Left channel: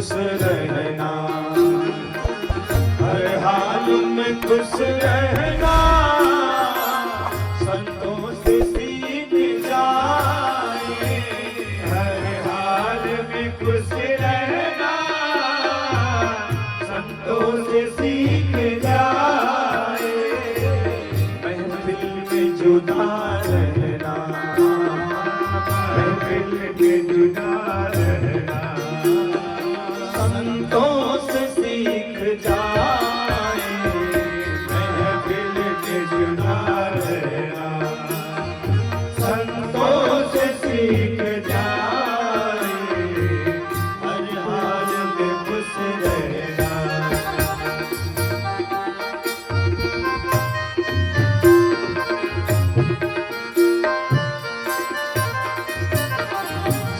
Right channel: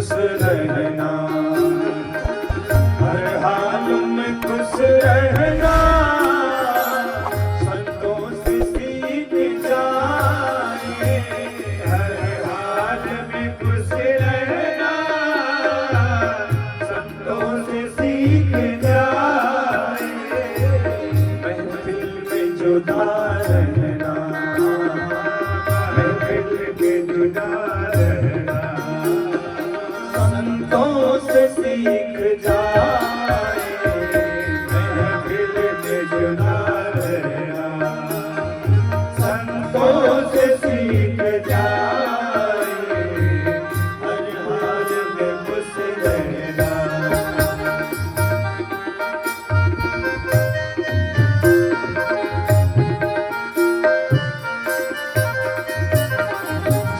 खुश रहना, हर हाल में खुश रहना, संतों से सीख जाए, हर हाल में खुश रहना, संतों से सीख जाए, महफिल में जुदा रहना, महफिल में जुदा रहना, संतों से सीख जाए, महफिल में जुदा रहना, संतों से सीख जाए, हर हाल में खुश रहना।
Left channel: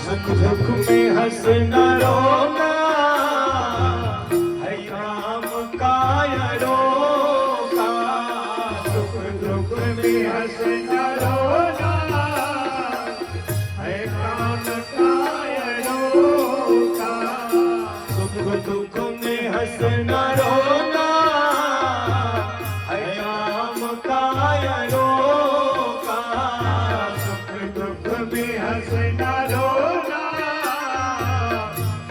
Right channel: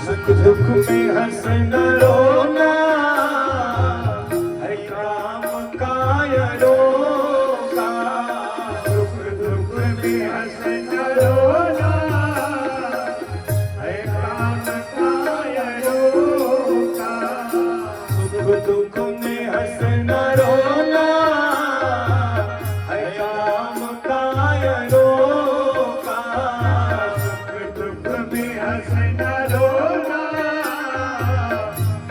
सुख दुख में हंसना रोना, है राम का रोका, सुख दुख में हंसना रोना, है राम का रोका, सुख दुख में हंसना रोना, है राम का रोका, सुख दुख में हंसना रोना,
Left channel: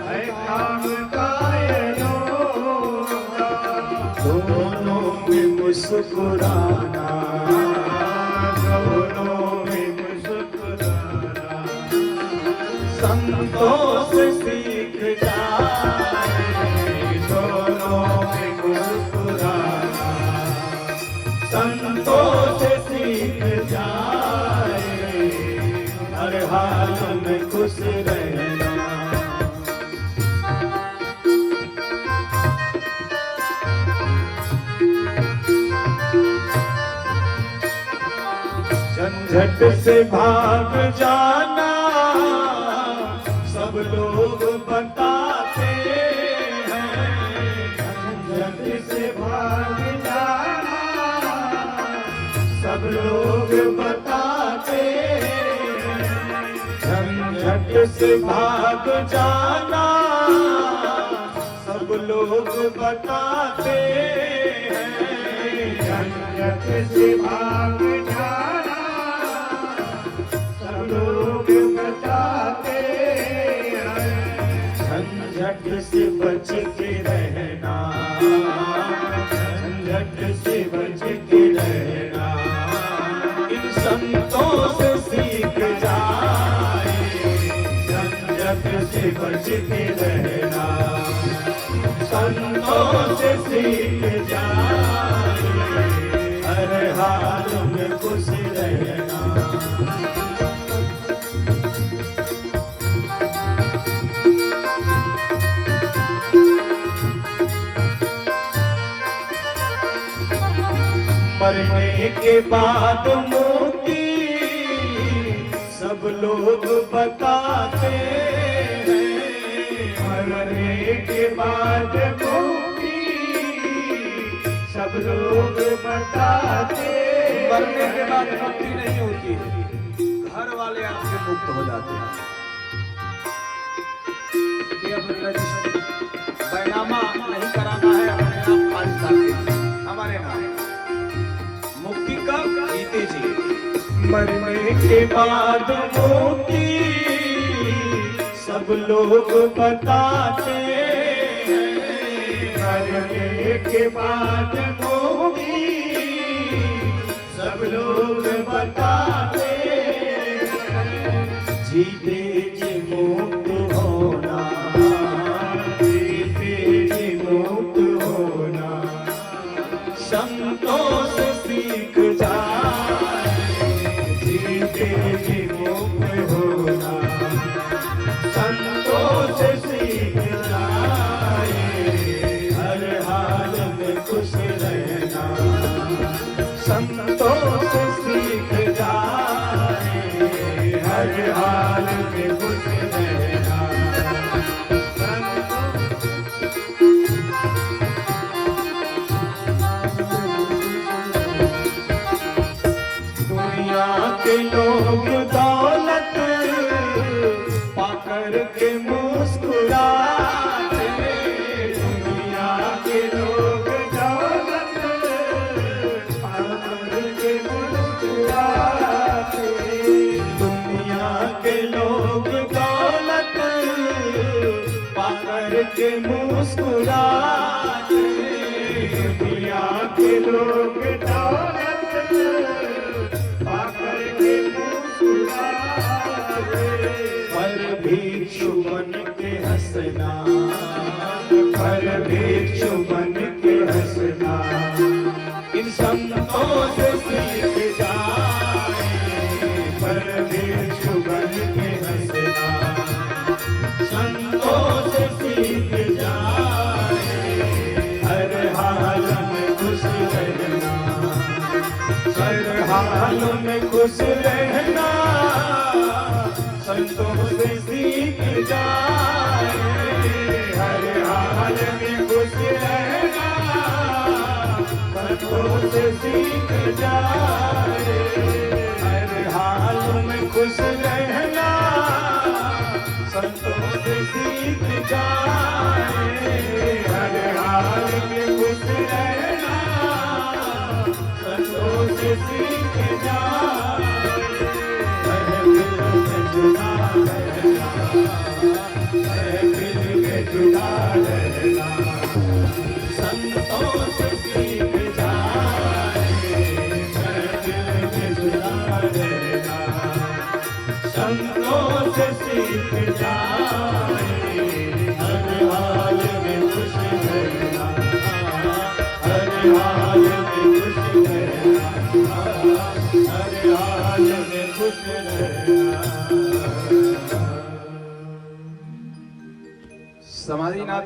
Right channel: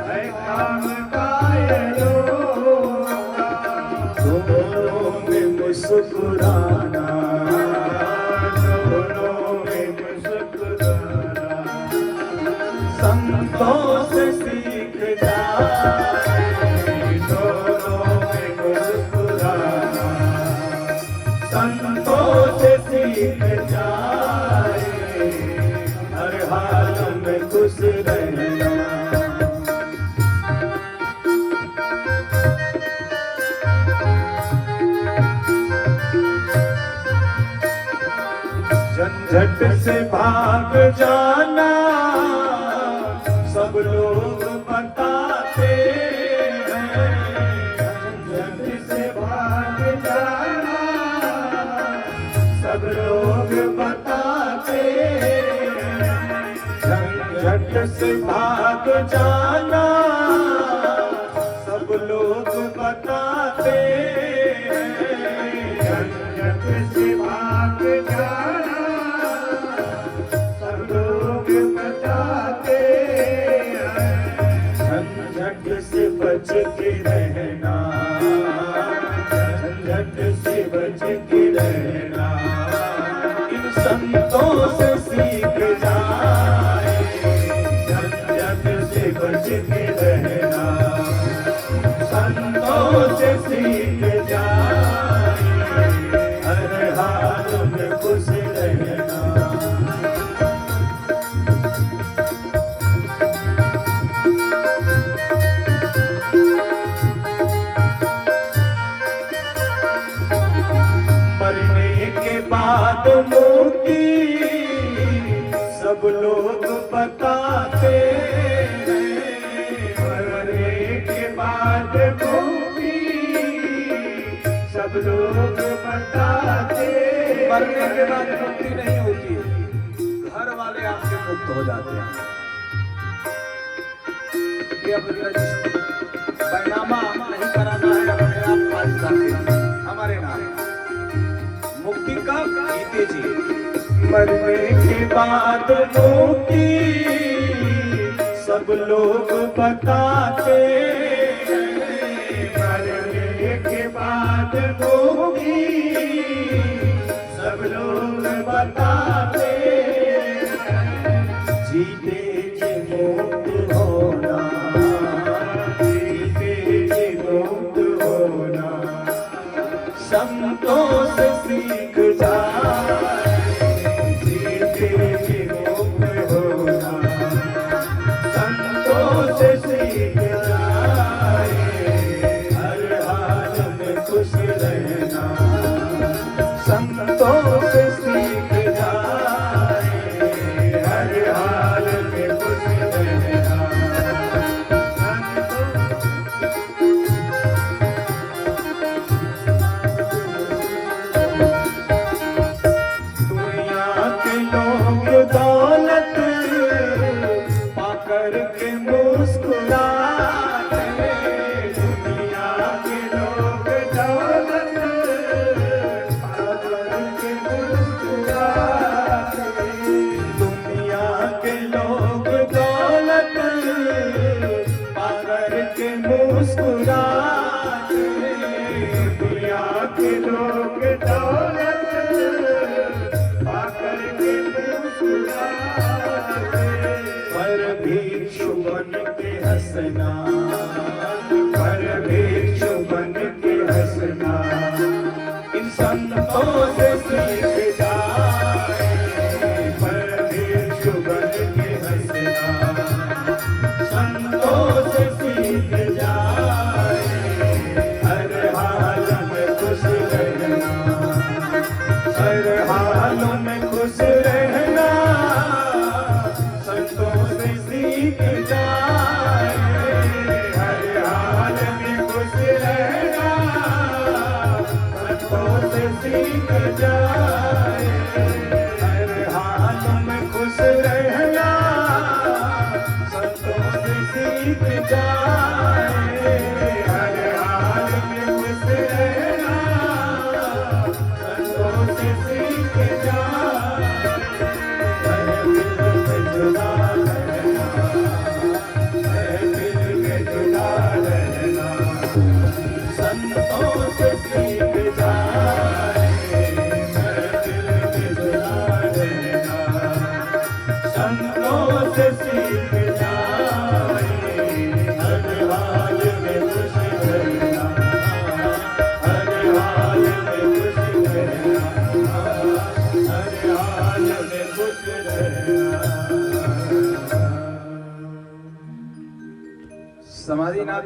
है काम का रोका, दोनों में मुस्कुराना, दोनों में मुस्कुराना, संतों से सीख जाए, दोनों में मुस्कुराना, संतों से सीख जाए, हर हाल में खुश रहना। झंझट से भाग जाना, सब लोग बताते हैं, झंझट से भाग जाना, सब लोग बताते हैं, झंझट से भाग जाना, सब लोग बताते हैं, झंझट से भाग जाना, सब लोग बताते हैं, झंझट से बच के रहना, झंझट से बच के रहना, इन संतों से सीख जाए, झंझट से बच के रहना, संतों से सीख जाए, हर हाल में खुश रहना। मरने के बाद मुक्ति सब लोग बताते हैं, मरने के बाद मुक्ति सब लोग बताते हैं, मरने के बाद मुक्ति नहीं होती है, घर वाले आपसे मुक्त हो जाते हैं। ये अपने बैनामा नहीं कराना है, अपने आप आज जाके हमारे नाम मुक्ति का जीते जी। मरने के बाद मुक्ति सब लोग बताते हैं, मरने के बाद मुक्ति सब लोग बताते हैं, जीते जी मुक्त होना, जीते जी मुक्त होना, संतों से सीख जाए, जीते जी मुक्त होना, संतों से सीख जाए, हर हाल में खुश रहना, संतों से सीख जाए, हर हाल में खुश रहना।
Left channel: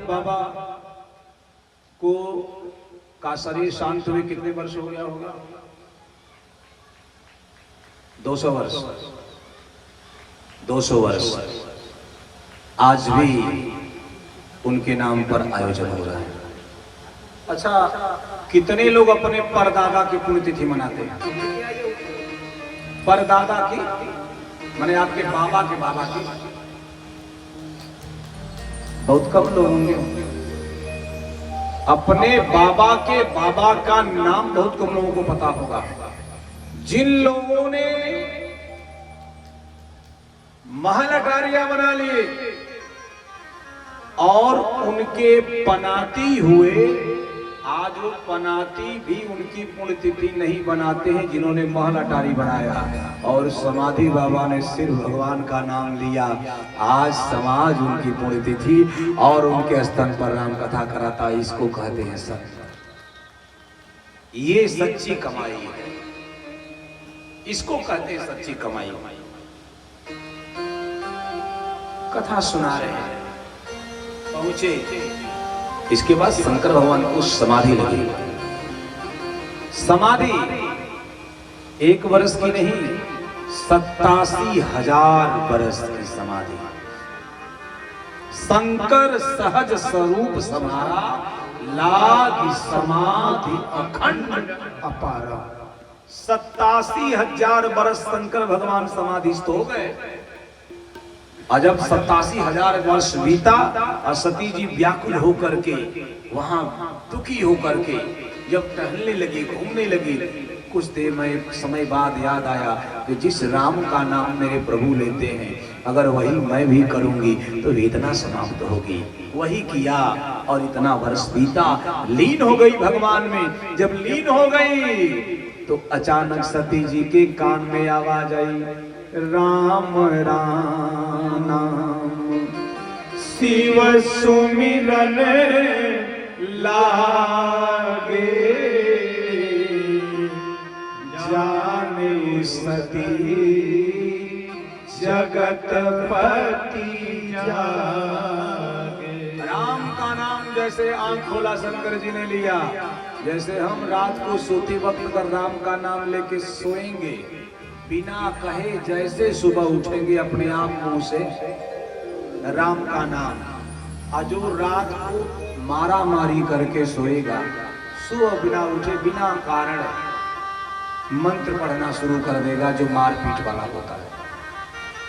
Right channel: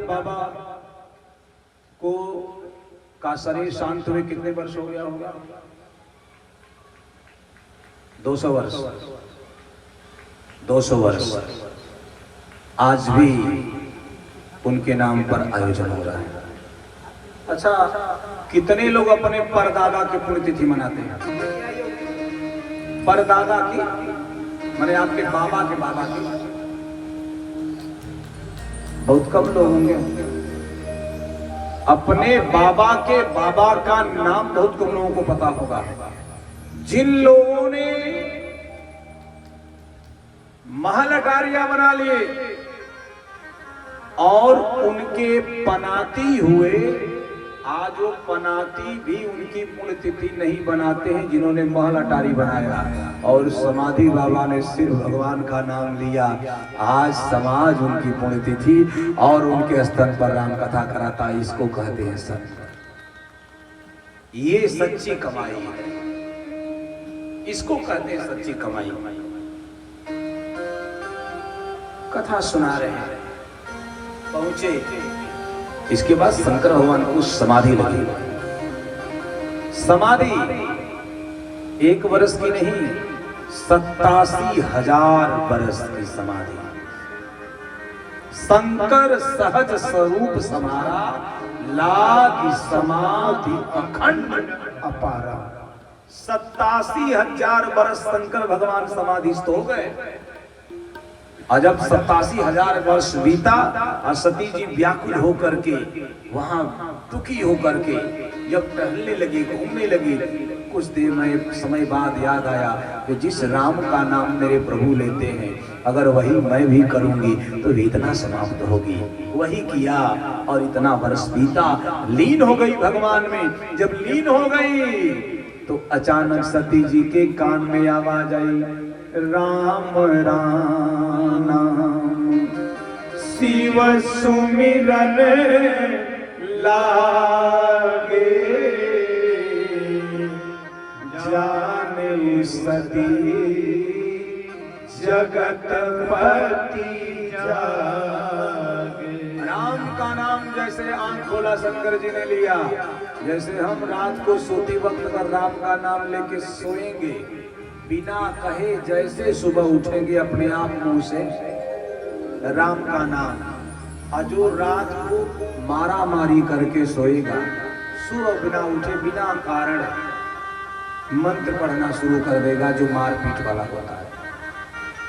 बाबा को का शरीर शांत हुए कितने वर्ष हो गया होगा? 200 वर्ष। 200 वर्ष। आज भी उनके नाम पर आयोजन हो रहा है। अच्छा, कितने लोग अपने परदादा की पुण्यतिथि मनाते हैं? परदादा की माने आपके बाबा के बाबा की? बहुत कम लोग होंगे। अपने बाबा के बाबा का नाम बहुत कम लोगों को पता होगा। जिन लोगों ने महल अटारियां बना लिए और उनके पनाती हुए, आज वो पनाती भी उनकी पुण्यतिथि नहीं बनाते हैं जिन्होंने महल अटारी बनाया। और समाधि बाबा ने सिर्फ भगवान का नाम लिया, आज समाज उनकी पुण्यतिथि और उनके स्तन पर राम कथा कराता। इसको कहते हैं सत्य। ये सच्ची कमाई है, इसको कहते हैं सच्ची कमाई। कथा सुना रहे हैं, पहुंचे, इसके बाद शंकर भगवान को समाधि लगी। समाधि 1 वर्ष की नहीं, 87,000 वर्ष की समाधि। शंकर सहज स्वरूप समारा, लागी समाधि अखंड अपारा। 87,000 वर्ष शंकर भगवान समाधिस्थ हो गए। और जब 87,000 वर्ष बीता और सती जी व्याकुल होकर के, वहां दुखी होकर के जब टहलने लगी, घूमने लगी, कुछ देर में समय बाद याद आया कि जिस राम का नाम मेरे प्रभु लेते हैं, अगर वही मैं भी करूंगी तो वेदना समाप्त होगी। वही किया और इतना वर्ष बीता, लीन हो गई भगवान में। जब लीन हो गई तो अचानक सती जी के कान में आवाज आई, राम राम नाम शिव सुमिरन लागे, जाने सती जगतपति जागे। राम का नाम जैसे आंख खोला शंकर जी ने लिया, जैसे हम रात को सोते वक्त अगर राम का नाम लेके सोएंगे, बिना कहे जैसे सुबह उठेंगे अपने आप मुंह से राम का नाम, और जो रात को मारा मारी करके सोएगा, सुबह बिना उठे बिना कारण मंत्र पढ़ना शुरू कर देगा जो मारपीट वाला होता है।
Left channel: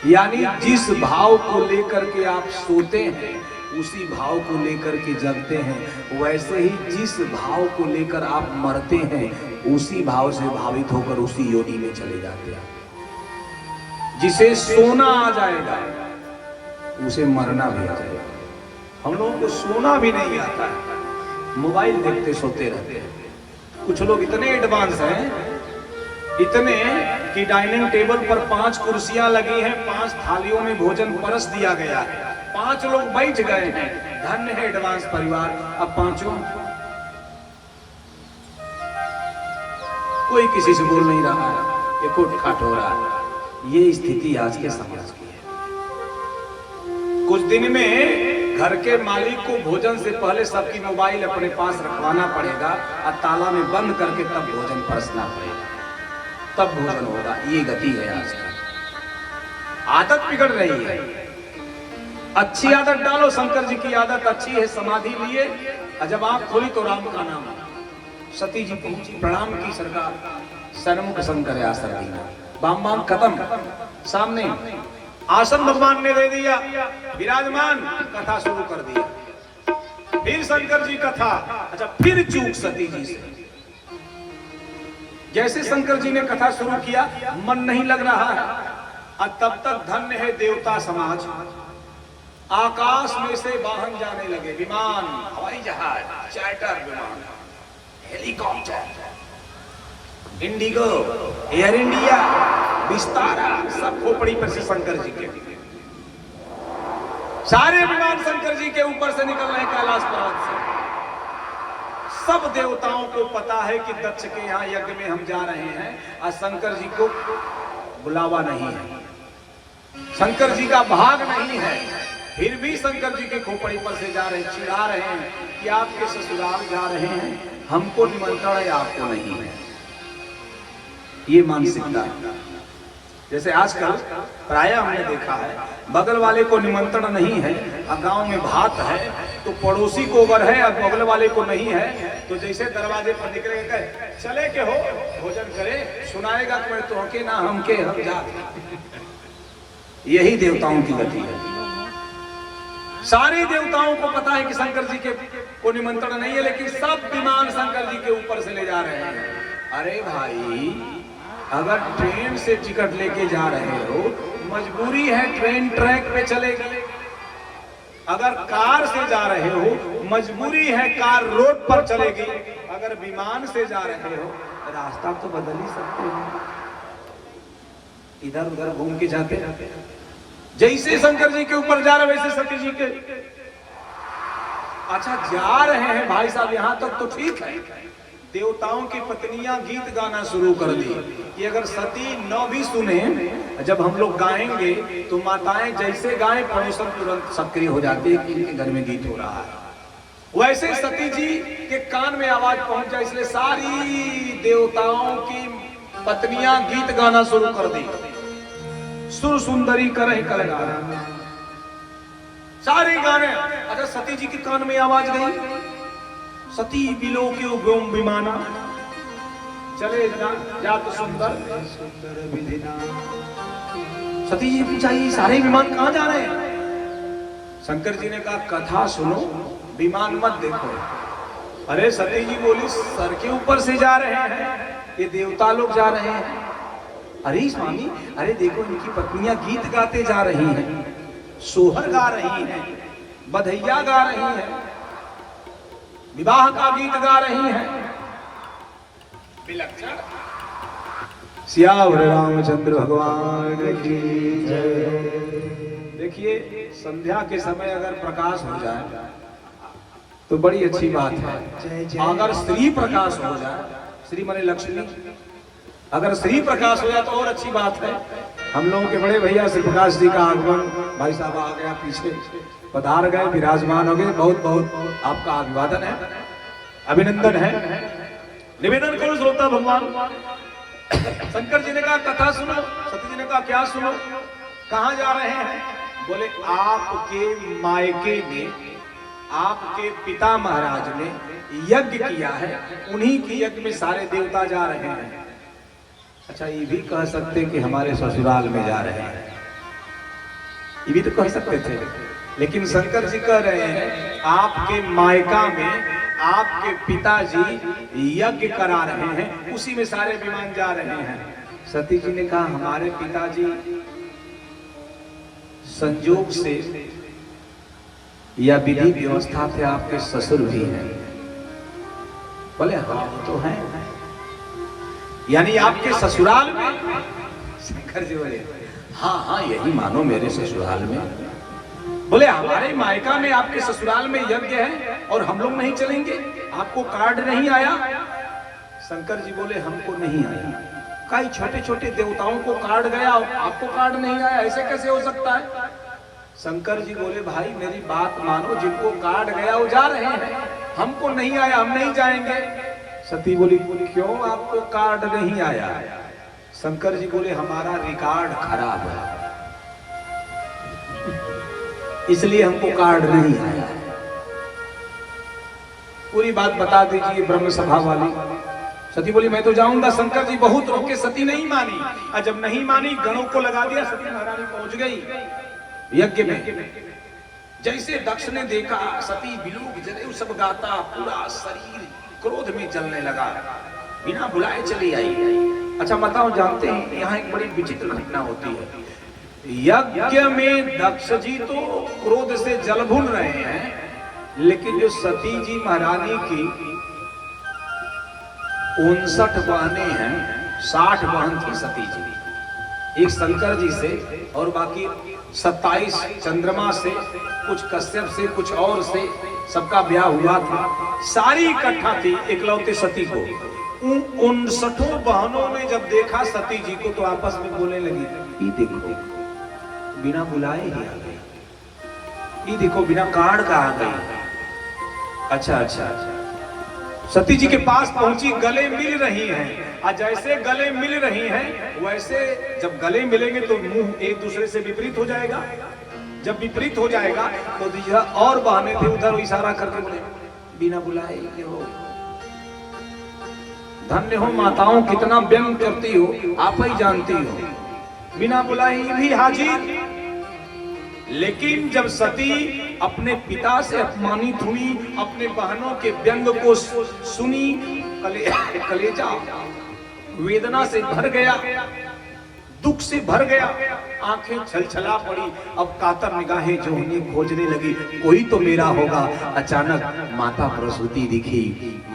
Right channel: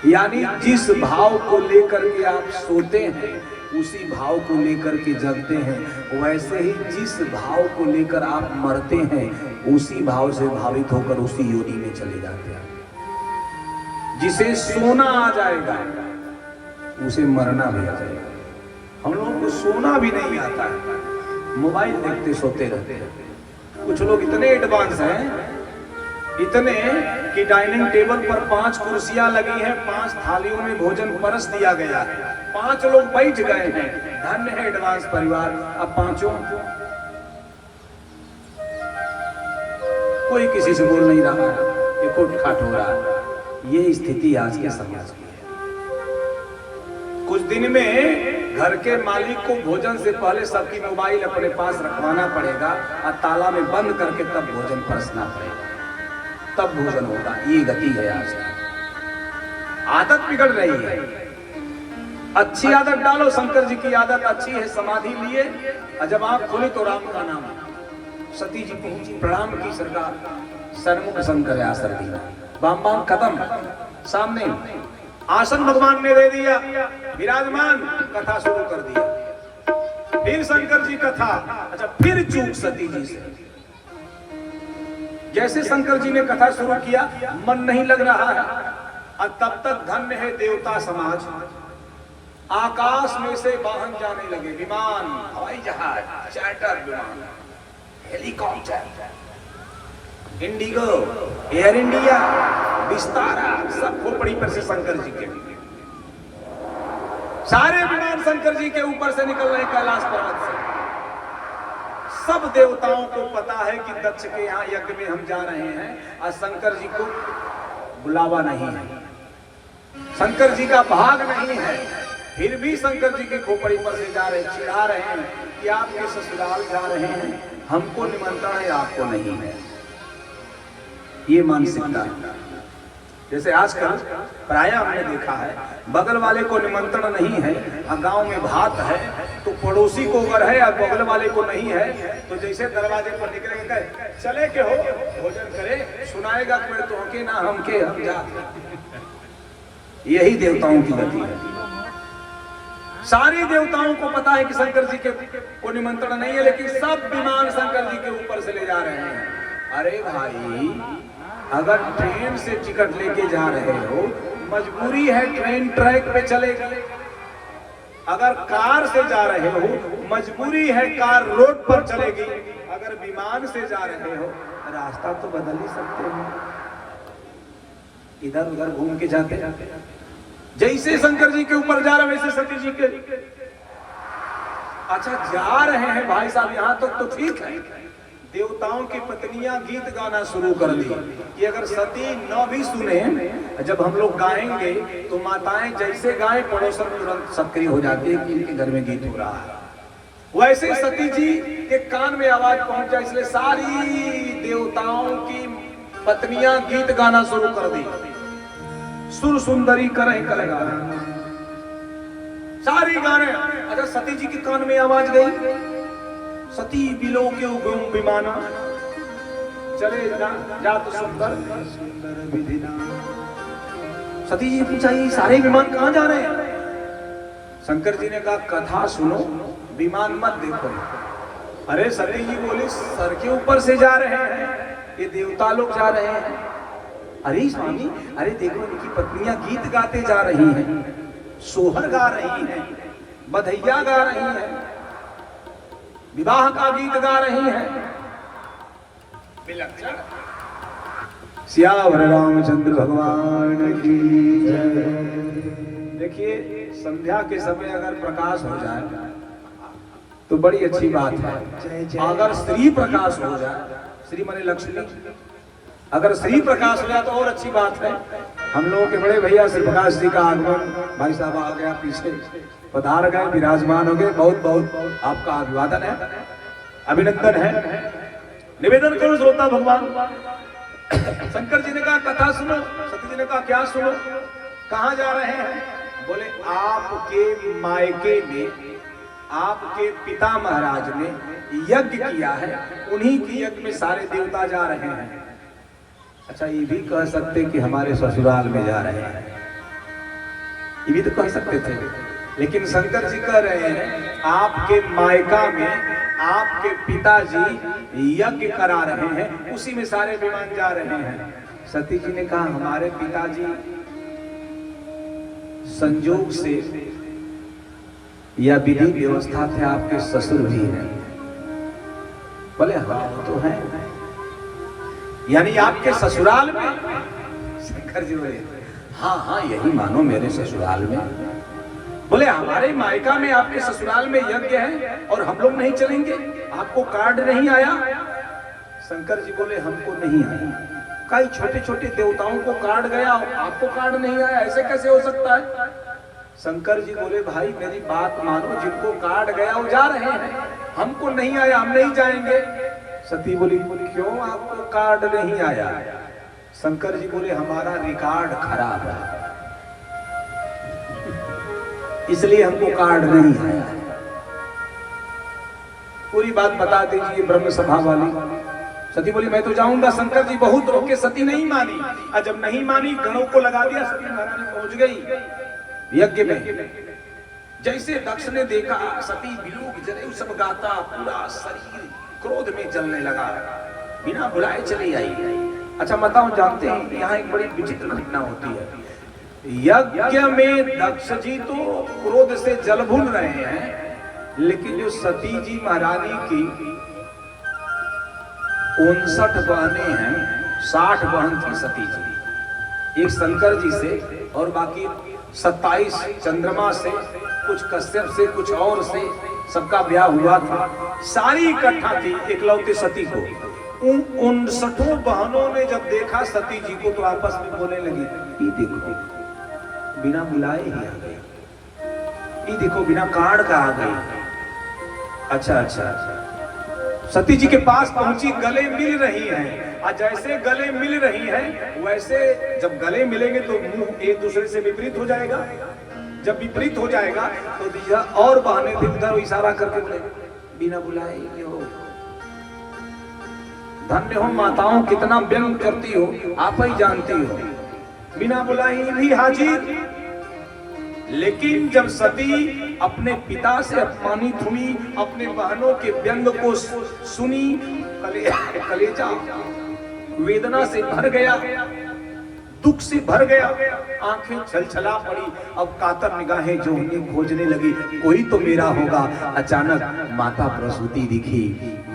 यानी जिस भाव को लेकर के आप सोते हैं, उसी भाव को लेकर के जगते हैं। वैसे ही जिस भाव को लेकर आप मरते हैं, उसी भाव से भावित होकर उसी योनि में चले जाते हैं। जिसे सोना आ जाएगा, उसे मरना भी आ जाएगा। हम लोगों को सोना भी नहीं आता है, मोबाइल देखते सोते रहते हैं। कुछ लोग इतने एडवांस हैं, इतने कि डाइनिंग टेबल पर 5 कुर्सियां लगी हैं, 5 थालियों में भोजन परस दिया गया है, 5 लोग बैठ गए हैं। धन्य है एडवांस परिवार। अब 5 कोई किसी से बोल नहीं रहा है, ये कोट-खाट हो रहा है। ये स्थिति आज के समाज की है। कुछ दिन में घर के मालिक को भोजन से पहले सबकी मोबाइल अपने पास रखवाना पड़ेगा और ताला में बंद करके तब भोजन परसना पड़ेगा, तब भोजन होगा। ये गति है आज की। आदत बिगड़ रही है। अच्छी आदत डालो। शंकर जी की आदत अच्छी है, समाधि लिए और जब आप खोली तो राम का नाम। सती जी पहुंची, प्रणाम की सरकार, सन्मुख शंकर आसन दीना, बाम बाम खत्म। सामने आसन भगवान ने दे दिया, विराजमान, कथा शुरू कर दिया। फिर शंकर जी कथा। अच्छा, फिर चूक सती जी से। जैसे शंकर जी ने कथा शुरू किया, मन नहीं लग रहा है। और तब तक धन्य है देवता समाज। आकाश में से वाहन जाने लगे, विमान, हवाई जहाज, चार्टर विमान, helicopter, Indigo, air India, Vistara, सब खोपड़ी पर से शंकर जी के। सारे विमान शंकर जी के ऊपर से निकल रहे कैलाश पर्वत से। सब देवताओं को पता है कि दक्ष के यहाँ यज्ञ में हम जा रहे हैं और शंकर जी को बुलावा नहीं है, शंकर जी का भाग नहीं है। फिर भी शंकर जी के खोपड़ी पर से जा रहे, चिढ़ा रहे हैं कि आपके ससुराल जा रहे हैं, हमको निमंत्रण है, आपको नहीं है। ये मानसिकता है। जैसे आजकल प्राय हमने देखा है, बगल वाले को निमंत्रण नहीं है, गांव में भात है तो पड़ोसी को अगर है और बगल वाले को नहीं है तो जैसे दरवाजे पर निकलेंगे, चले के हो भोजन करे, सुनाएगा कि मैं तो के ना हम के हम जाते। यही देवताओं की गति है। सारे देवताओं को पता है कि शंकर जी के को निमंत्रण नहीं है, लेकिन सब विमान शंकर जी के ऊपर से ले जा रहे हैं। अरे भाई, अगर ट्रेन से टिकट लेके जा रहे हो, मजबूरी है, ट्रेन ट्रैक पे चलेगी। अगर कार से जा रहे हो, मजबूरी है, कार रोड पर चलेगी। अगर विमान से जा रहे हो, रास्ता तो बदल ही सकते हो, इधर उधर घूम के जाते जाते। जैसे शंकर जी के ऊपर जा रहे वैसे सती जी के, अच्छा जा रहे हैं भाई साहब, यहां तक तो ठीक है। देवताओं की पत्नियां गीत गाना शुरू कर दी कि अगर सती न भी सुने, जब हम लोग गाएंगे तो माताएं जैसे गाएं, पड़ोसन तुरंत सक्रिय हो जाती है कि इनके घर में गीत हो रहा है। वैसे सती जी के कान में आवाज पहुंच जाए, इसलिए सारी देवताओं की पत्नियां गीत गाना शुरू कर दी। सुर सुंदरी करे कलगाना, सारे गाने। अच्छा सती जी के कान में आवाज गई, सती बिलो के विमाना चले जा तो सुंदर सुंदर विधिना। सती जी पूछा, ये सारे विमान कहाँ जा रहे हैं? शंकर जी ने कहा, कथा सुनो, विमान मत देखो। अरे सती जी बोली, सर के ऊपर से जा रहे हैं, ये देवता लोग जा रहे हैं। अरे स्वामी, अरे देखो उनकी पत्नियां गीत गाते जा रही हैं, सोहर गा रही हैं, बधैया गा रही हैं, विवाह का गीत गा रही हैं। विलक्षण। सियावर रामचंद्र भगवान की जय। देखिए, संध्या के समय अगर प्रकाश हो जाए तो बड़ी अच्छी बात है। अगर श्री प्रकाश हो जाए, श्री माने लक्ष्मी, अगर श्री प्रकाश हो जाए तो और अच्छी बात है। हम लोगों के बड़े भैया श्री प्रकाश जी का आगमन, भाई साहब आ गया, पीछे पधार गए, विराजमान हो गए। बहुत बहुत आपका अभिवादन है, अभिनंदन है। निवेदन करो श्रोता भगवान। शंकर जी ने कहा कथा सुनो, सती जी ने कहा क्या सुनो, कहाँ जा रहे हैं? बोले आपके मायके में आपके पिता महाराज ने यज्ञ किया है, उन्हीं के यज्ञ में सारे देवता जा रहे हैं। अच्छा, ये भी कह सकते कि हमारे ससुराल में जा रहे हैं, ये भी तो कह सकते थे, लेकिन शंकर जी कह रहे हैं आपके मायका में आपके पिताजी यज्ञ करा रहे हैं, उसी में सारे विमान जा रहे हैं। सती जी ने कहा हमारे पिताजी संयोग से या विधि व्यवस्था से आपके ससुर भी हैं। बोले हाँ तो है, यानी आपके ससुराल में? शंकर जी बोले हाँ हाँ यही मानो, मेरे ससुराल में। बोले हमारे मायका में आपके ससुराल में यज्ञ है और हम लोग नहीं चलेंगे, आपको कार्ड नहीं आया? शंकर जी बोले हमको नहीं आया। कई छोटे छोटे देवताओं को कार्ड गया, आपको कार्ड नहीं आया, ऐसे कैसे हो सकता है? शंकर जी बोले भाई मेरी बात मानो, जिनको कार्ड गया वो जा रहे हैं, हमको नहीं आया, हम नहीं जाएंगे। सती बोली क्यों आपको कार्ड नहीं आया? शंकर जी बोले हमारा रिकॉर्ड खराब है, इसलिए हमको कार्ड नहीं आया। पूरी बात बता दीजिए ब्रह्म सभा वाली। सती बोली मैं तो जाऊंगा। शंकर जी बहुत रोके, सती नहीं मानी, और जब नहीं मानी गणों को लगा दिया, सती महारानी पहुंच गई यज्ञ में। जैसे दक्ष ने देखा सती बिलूक जले सब गाता, पूरा शरीर क्रोध में जलने लगा, बिना बुलाए चली आई। अच्छा बताओ, जानते हैं यहाँ एक बड़ी विचित्र घटना होती है। यज्ञ में दक्ष जी तो क्रोध से जल भून रहे हैं, लेकिन जो सती जी महारानी की 59 बहनें हैं, 60 बहन थी सती जी, एक शंकर जी से और बाकी 27 चंद्रमा से, कुछ कश्यप से, कुछ और से, सबका ब्याह हुआ था। सारी इकट्ठा थी एकलौते सती को। उन 59 बहनों ने जब देखा सती जी को तो आपस में बोलने लगी, ये देखो बिना बुलाए ही आ गई। ये देखो बिना कार्ड का आ गई। अच्छा अच्छा, सती जी के पास पहुंची, गले मिल रही हैं। और जैसे गले मिल रही हैं वैसे जब गले मिलेंगे तो मुंह एक दूसरे से विपरीत हो जाएगा। जब विपरीत हो जाएगा तो दूसरा और बहाने थे उधर इशारा करके बोले बिना बुलाए ये हो। धन्य हो माताओं, कितना व्यंग करती हो, आप ही जानती हो। बिना बुलाए भी हाजिर। लेकिन जब सती अपने पिता से अपमानित हुई, अपने बहनों के व्यंग को सुनी, कलेजा वेदना से भर गया, दुख से भर गया, आंखें छलछला पड़ी। अब कातर निगाहें जो उन्हें खोजने लगी, वही तो मेरा होगा। अचानक माता प्रसूति दिखी।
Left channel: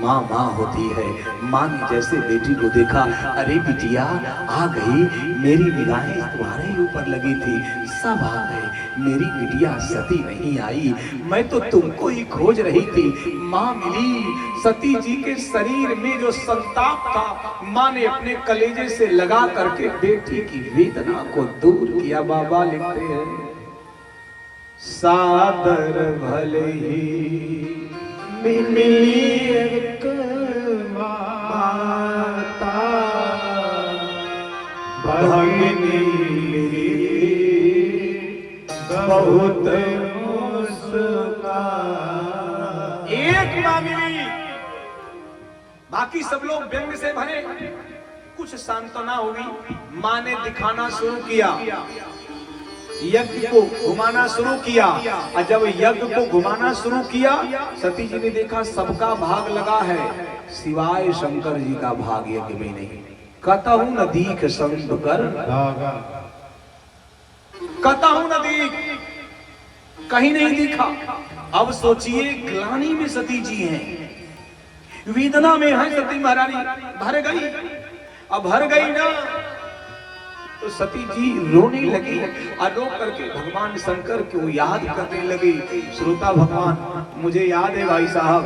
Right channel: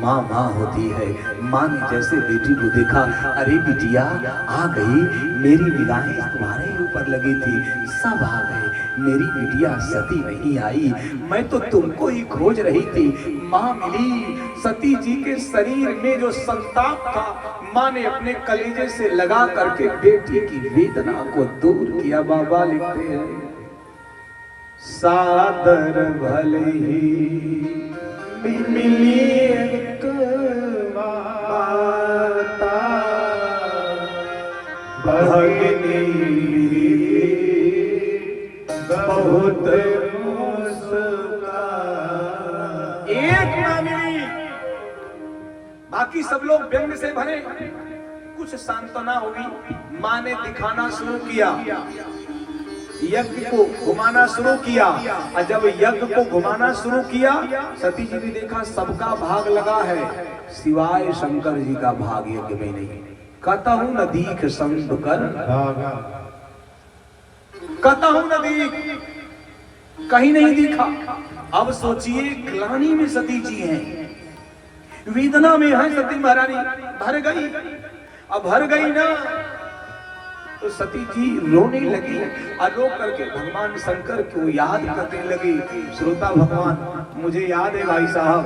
माँ माँ होती है। माँ ने जैसे बेटी को देखा, अरे बिटिया आ गई, मेरी निगाहें तुम्हारे ऊपर लगी थी, सब आ गए, मेरी बिटिया सती नहीं आई, मैं तो तुमको ही खोज रही थी। माँ मिली, सती जी के शरीर में जो संताप था माँ ने अपने कलेजे से लगा करके बेटी की वेदना को दूर किया। बाबा लिखते हैं, सादर भले ही मिली एक माता, भगिनी बहुत मुस्कान। एक ना मिली, बाकी सब लोग व्यंग से भरे। कुछ सांत्वना होगी, माँ ने दिखाना शुरू किया, यज्ञ को घुमाना शुरू किया। और जब यज्ञ को घुमाना शुरू किया, सती जी ने देखा सबका भाग लगा है, सिवाय शंकर जी का भाग यज्ञ में नहीं। कतहु न दीख संत कर, कतहु न दीख, कहीं नहीं दिखा। अब सोचिए, ग्लानि में सती जी हैं, वेदना में है सती महारानी, भर गई। अब भर गई ना तो सती जी रोने लगी, रो करके भगवान शंकर को याद करने लगी। श्रोता भगवान, मुझे याद है भाई साहब,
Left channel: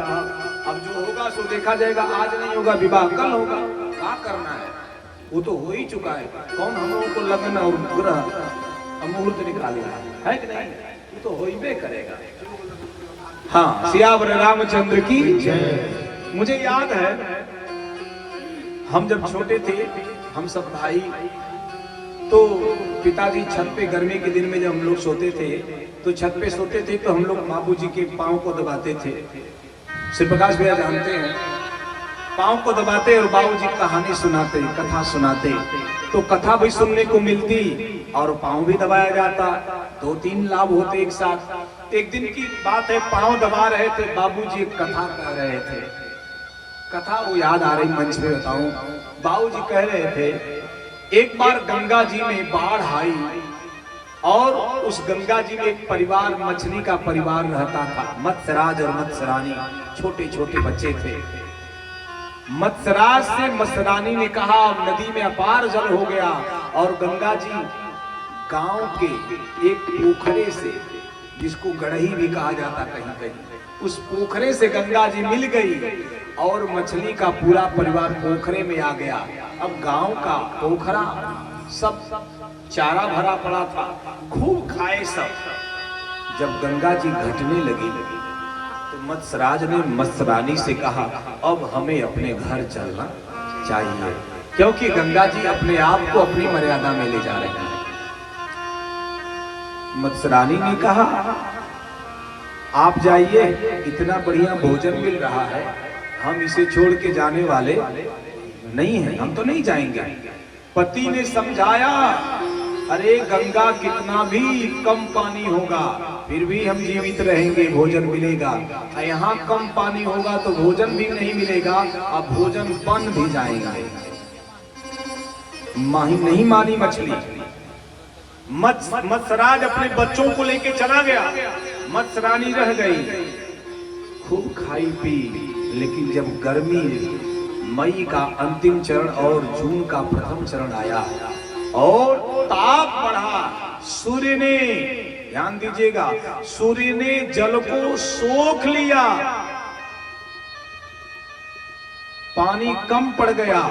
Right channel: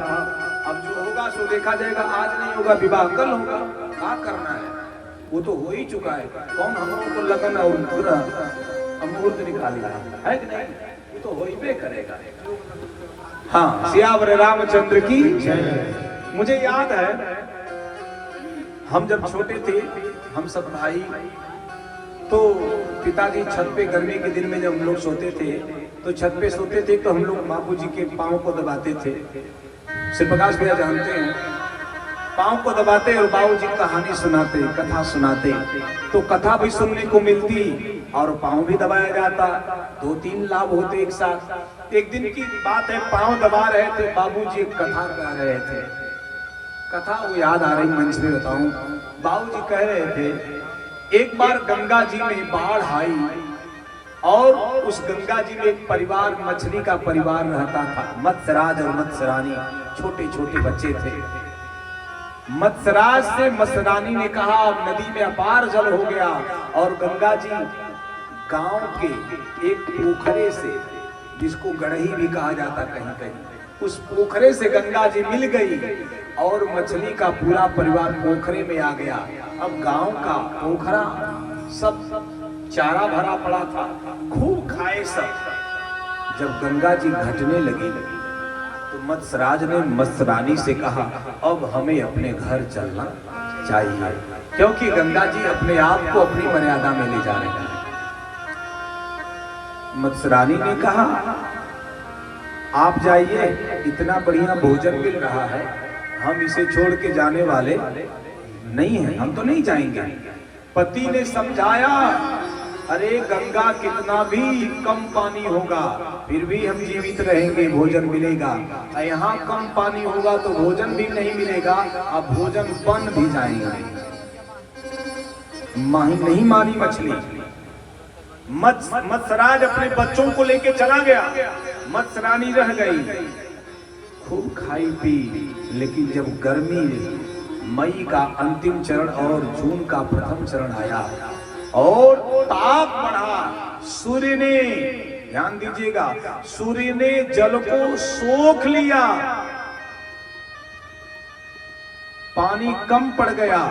अब जो होगा सो देखा जाएगा, आज नहीं होगा विवाह, कल होगा, क्या करना है, वो तो हो ही चुका है। कौन हम लोगों को लगन और पूरा मुहूर्त निकाल रहा है कि नहीं, वो तो हो ही करेगा। हाँ, सियावर रामचंद्र की जय। मुझे याद है, हम जब छोटे थे, हम सब भाई, तो पिताजी छत पे गर्मी के दिन में जब हम लोग सोते थे तो छत पे सोते थे, तो हम लोग बाबूजी के पाँव को दबाते थे। श्री प्रकाश भैया जानते हैं, पाँव को दबाते और बाबूजी कहानी सुनाते, कथा सुनाते, तो कथा भी सुनने को मिलती और पाँव भी दबाया जाता। 2-3 लाभ होते एक साथ। एक दिन की बात है, पाँव दबा रहे थे, बाबूजी एक कथा कह रहे थे। कथा वो याद आ रही, मंच पे बताऊं। बाबूजी कह रहे थे, एक बार गंगा जी में बाढ़ आई और उस गंगा जी में एक परिवार, मछली का परिवार रहता था। मत्स्यराज और मत्स्यरानी, छोटे छोटे बच्चे थे। मत्स्यराज से मत्स्यरानी ने कहा, अब नदी में अपार जल हो गया और गंगा जी गांव के एक पोखरे से, जिसको गढ़ही भी कहा जाता कहीं कहीं, उस पोखरे से गंगा जी मिल गई और मछली का पूरा परिवार पोखरे में आ गया। अब गांव का पोखरा सब चारा भरा पड़ा था, खूब खाए सब। जब गंगा जी घटने लगी तो मत्स्यराज ने मत्स्यरानी से कहा, अब हमें अपने घर चलना चाहिए, क्योंकि गंगा जी अपने आप को अपनी मर्यादा में ले जा रहे हैं। मत्स्यरानी ने कहा, आप जाइए, इतना बढ़िया भोजन मिल रहा है, हम इसे छोड़ के जाने वाले नहीं हैं, हम तो नहीं जाएंगे। पति ने समझाया, अरे गंगा कितना भी कम पानी होगा फिर भी हम जीवित रहेंगे, भोजन मिलेगा। यहाँ कम पानी होगा तो भोजन भी नहीं मिलेगा, अब भोजन बन भी जाएगा। नहीं मानी मछली। मत्स्यराज अपने बच्चों को लेके चला गया, मत्स्यरानी रह गई। खूब खाई पी, लेकिन जब गर्मी, मई का अंतिम चरण और जून का प्रथम चरण आया और ताप बढ़ा, सूर्य ने, ध्यान दीजिएगा, सूर्य ने जल को सोख लिया, पानी कम पड़ गया।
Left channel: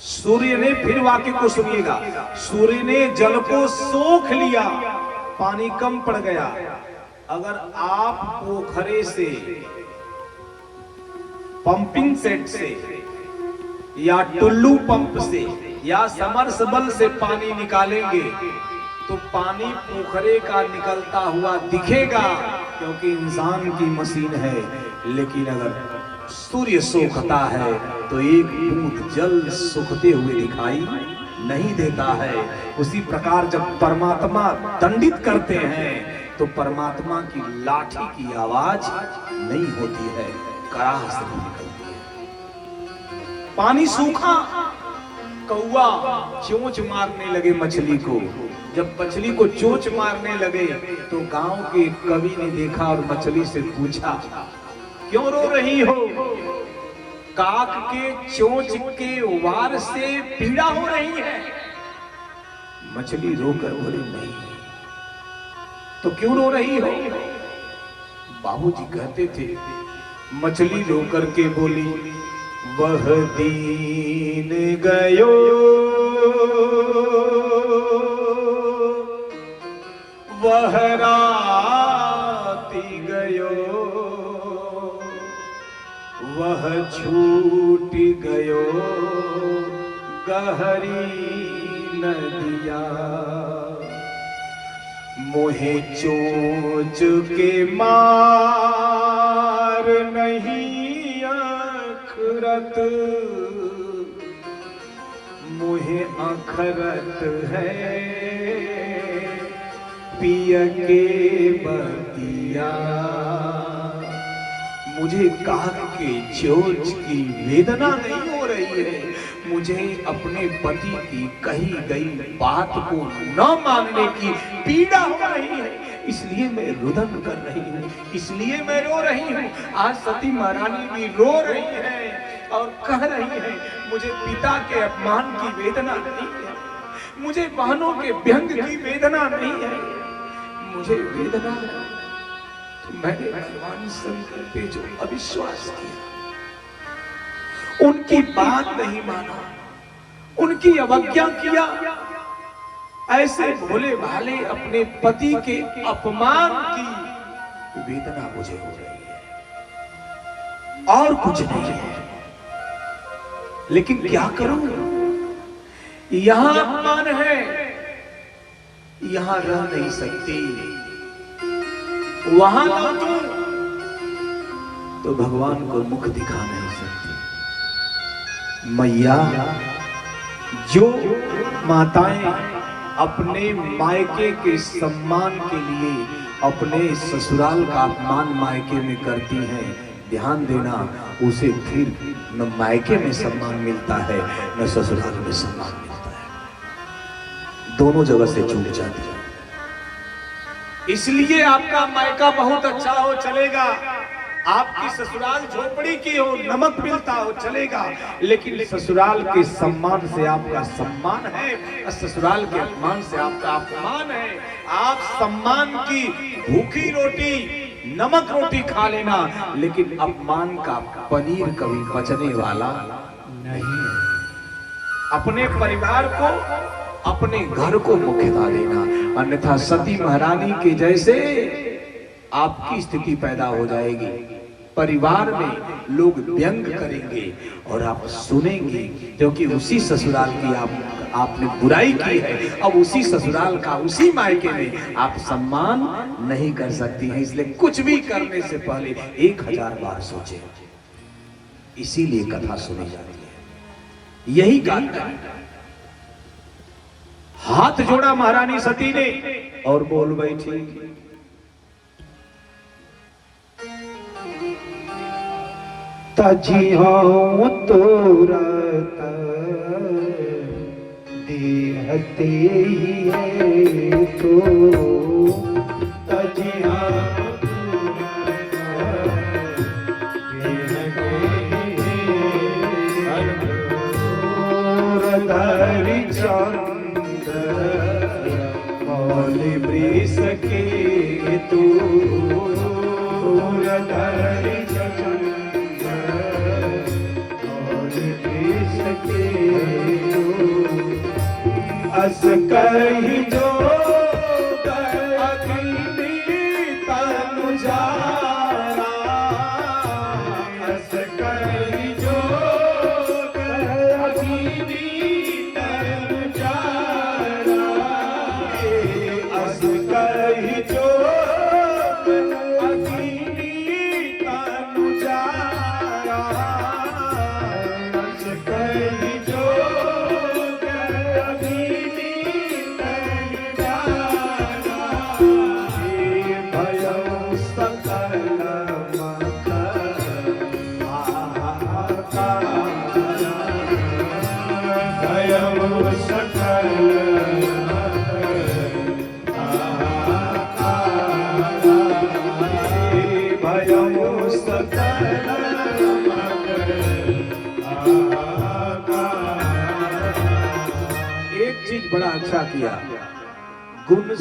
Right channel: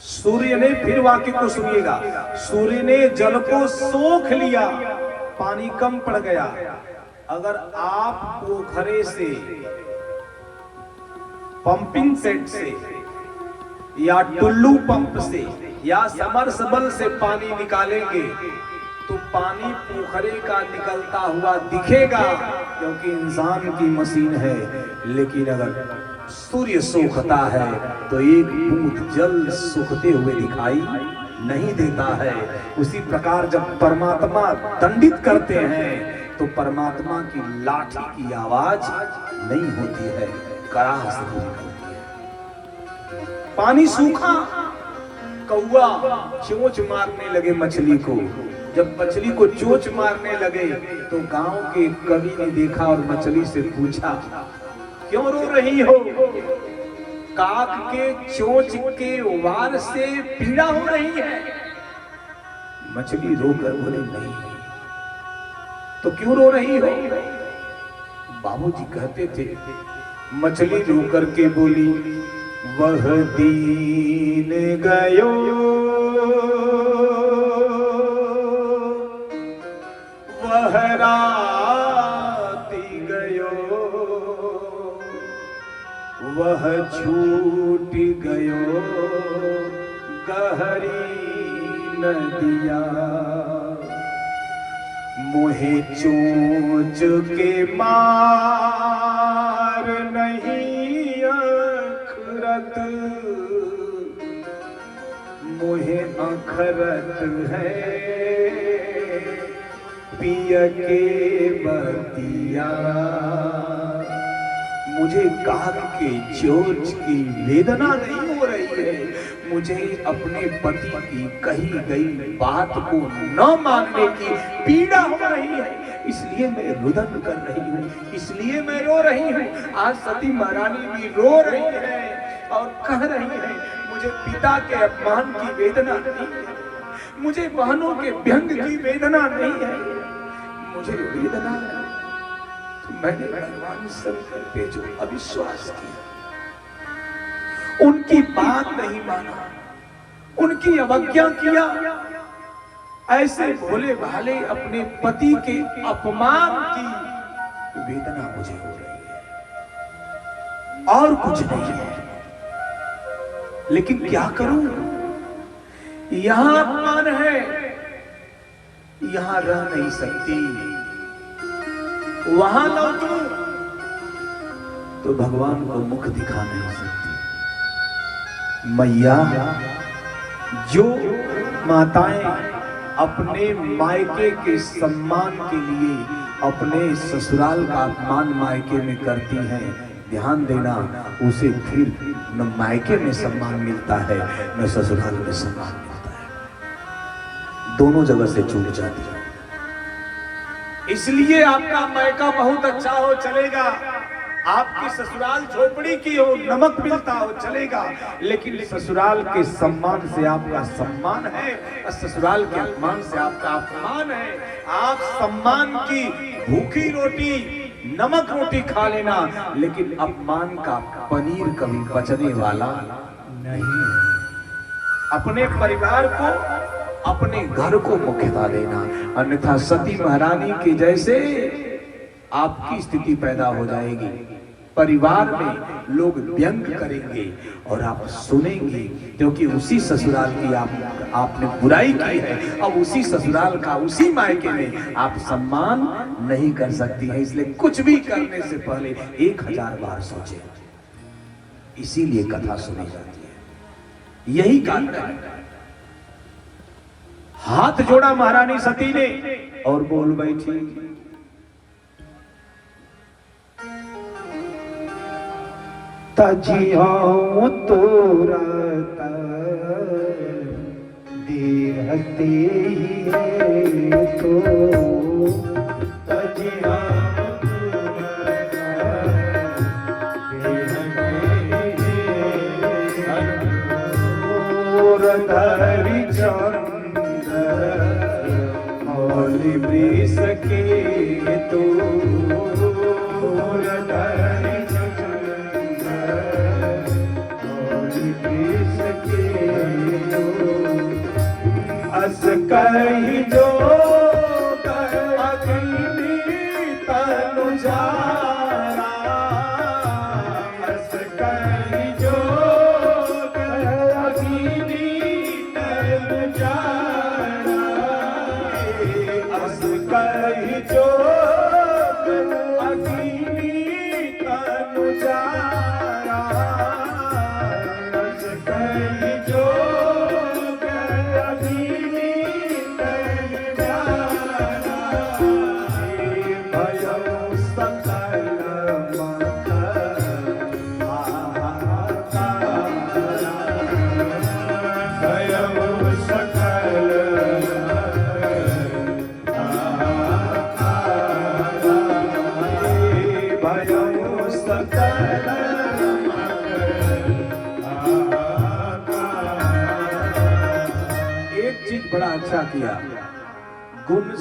सूर्य ने, फिर वाक्य को सुनिएगा, सूर्य ने जल को सोख लिया, पानी कम पड़ गया। अगर आप पोखरे से, पंपिंग सेट से या टुल्लू पंप से या समरसेबल से पानी निकालेंगे तो पानी पोखरे का निकलता हुआ दिखेगा, क्योंकि इंसान की मशीन है। लेकिन अगर सूर्य सोखता है तो एक बूंद जल सोखते हुए दिखाई नहीं देता है। उसी प्रकार जब परमात्मा दंडित करते हैं तो परमात्मा की लाठी की आवाज नहीं होती है, कराह से निकलती है। पानी सूखा, कौवा चोंच मारने लगे मछली को। जब मछली को चोंच मारने लगे तो गांव के कवि ने देखा और मछली से पूछा, क्यों रो रही हो? काक के चोंच के वार से पीड़ा हो रही है। मछली रोकर बोले, नहीं। तो क्यों रो रही हो? बाबूजी कहते थे, मछली रो करके बोली, वह दीन गयो, वह राति गयो, वह छूट गयो गहरी नदिया। मोहे चोंच के मार नहीं अखरत, मोहे अखरत है पिय के बतिया। मुझे काक के चोंच की वेदना नहीं हो रही है, मुझे अपने पति की कही गई बात को न मानने की पीड़ा हो रही है, इसलिए मैं रुदन कर रही हूँ, इसलिए मैं रो रही हूँ। आज सती महारानी भी रो रही है और कह रही है, मुझे पिता के अपमान की वेदना नहीं है, मुझे बहनों के व्यंग की वेदना नहीं है, मुझे वेदना है। तो मैंने भगवान शंकर पे जो अविश्वास किया, उनकी बात नहीं माना, उनकी अवज्ञा किया, ऐसे भोले भाले अपने पति के अपमान की वेदना मुझे हो रही है और कुछ नहीं है। लेकिन क्या करूं? यहां अपमान है, यहां रह नहीं सकती, वहां लौटूं तो भगवान को मुख दिखा नहीं सकती। मैया, जो माताएं अपने मायके के सम्मान के लिए अपने ससुराल का अपमान मायके में करती हैं, ध्यान देना, उसे फिर न मायके में सम्मान मिलता है न ससुराल में सम्मान मिलता है, दोनों जगह से चूक जाती है। इसलिए आपका मायका बहुत अच्छा हो चलेगा, आपकी ससुराल झोपड़ी की हो, नमक मिलता हो चलेगा, लेकिन ससुराल के सम्मान से आपका सम्मान है, ससुराल के अपमान से आपका अपमान है। आप सम्मान की भूखी रोटी, नमक रोटी खा लेना, लेकिन अपमान का पनीर कभी बचने वाला नहीं है। अपने परिवार को, अपने घर को मुख्यता देना, अन्यथा सती महारानी के जैसे आपकी स्थिति पैदा हो जाएगी। परिवार में लोग व्यंग करेंगे और आप सुनेंगे, क्योंकि उसी ससुराल की आपने बुराई की है, अब उसी ससुराल का, उसी मायके में आप सम्मान नहीं कर सकती हैं। इसलिए कुछ भी करने से पहले 1000 बार सोचें, इसीलिए कथा सुनी जाती है। यही कारण है। हाथ जोड़ा महारानी सती ने और बोल बैठी, तजिया तुरत देहते ही है तो, तजिया धरि चंद्र मौलि वृष के तो, धरि अस कहीं जो अग्नि तह चीज बड़ा अच्छा किया, गुण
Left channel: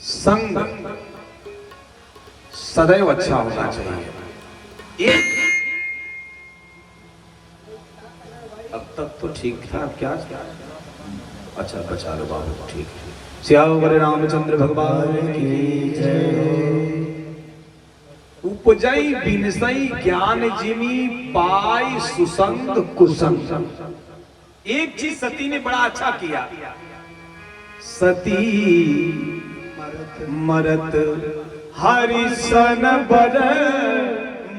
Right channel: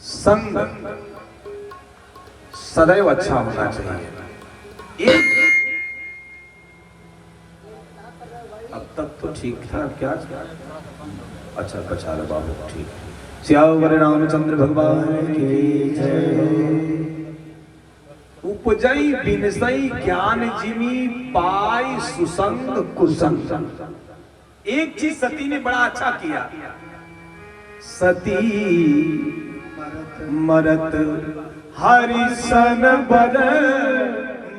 संग सदैव अच्छा होना चाहिए। अब तक तो ठीक था, अब क्या अच्छा बचा लो बाबू, ठीक। श्यावर रामचंद्र भगवान की जय। उपजई बिनसई ज्ञान जिमी पाई सुसंग कुसंग। एक चीज सती ने बड़ा अच्छा किया, सती मरत हरिसन बर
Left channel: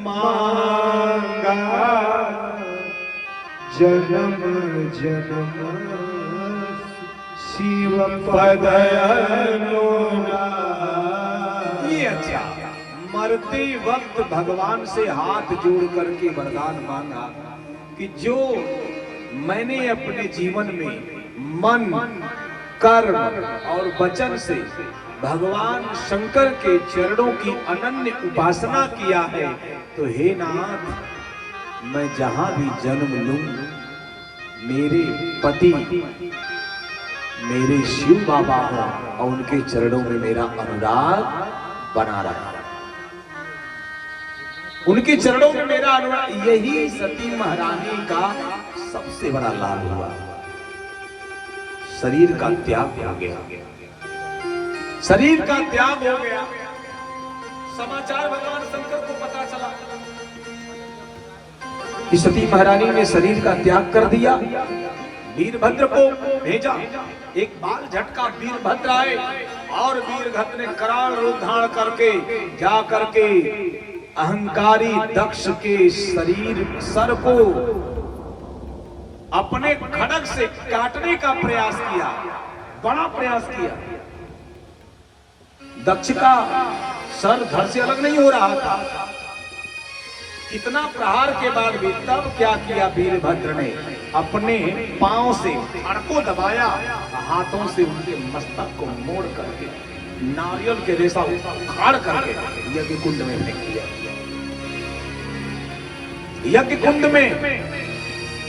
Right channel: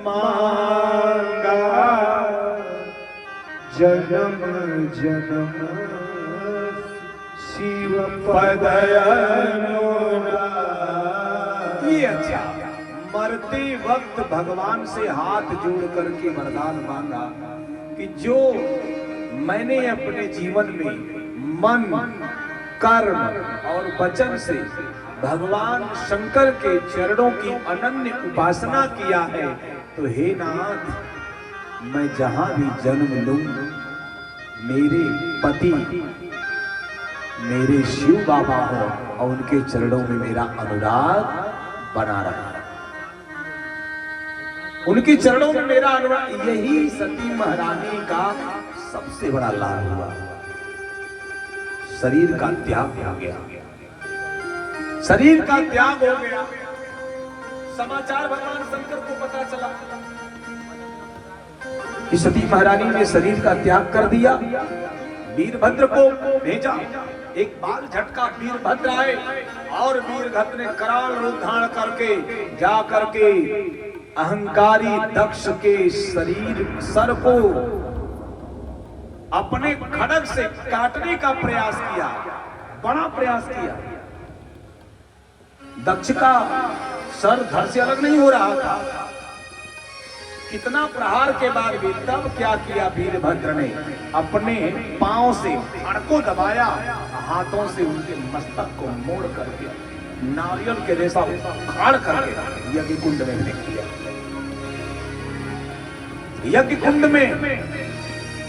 मांगा, जन्म जन्म शिव पद ये अच्छा, मरते वक्त भगवान से हाथ जोड़ करके वरदान मांगा कि जो मैंने अपने जीवन में मन कर्म और वचन से भगवान शंकर के चरणों की अनन्य उपासना किया है, तो हे नाथ, मैं जहां भी जन्म लूं, मेरे पति मेरे शिव बाबा हो और उनके चरणों में मेरा अनुराग बना रहा, उनके चरणों में मेरा अनुराग। यही सती महारानी का सबसे बड़ा लाभ हुआ। शरीर का त्याग हो गया, शरीर का त्याग हो गया। समाचार भगवान शंकर को पता चला कि सती महारानी ने शरीर का त्याग कर दिया। वीरभद्र को भेजा, एक बाल झटका वीरभद्र आए और वीरभद्र ने कराल रूप धारण करके जा करके अहंकारी दक्ष के शरीर सर को अपने खड़ग से काटने का प्रयास किया, बड़ा प्रयास किया। दक्ष का सर धड़ से अलग नहीं हो रहा था। कितना प्रहार के बाद भी तब क्या किया वीरभद्र ने, अपने पांव से धड़ को दबाया, हाथों से उनके मस्तक को मोड़ करके नारियल के जैसा उखाड़ करके यज्ञ कुंड में फेंक दिया। यज्ञ कुंड में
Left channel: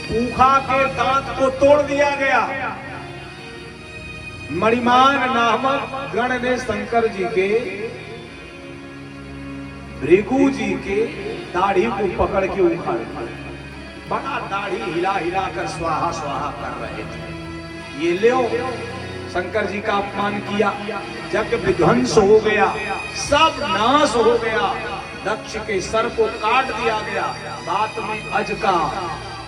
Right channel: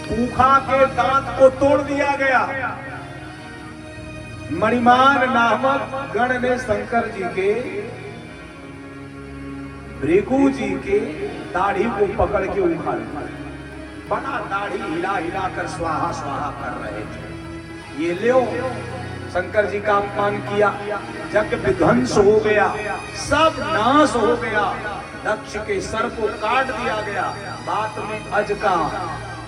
पूखा के दांत को तोड़ दिया गया। मणिमान नामक गण ने शंकर जी के भृगु जी के दाढ़ी को पकड़ के उखाड़ दिया। बड़ा दाढ़ी हिला हिला कर स्वाहा स्वाहा कर रहे थे। ये लो शंकर जी का अपमान किया, यज्ञ विध्वंस हो गया, सब नाश हो गया। दक्ष के सर को काट दिया गया। बात में अज का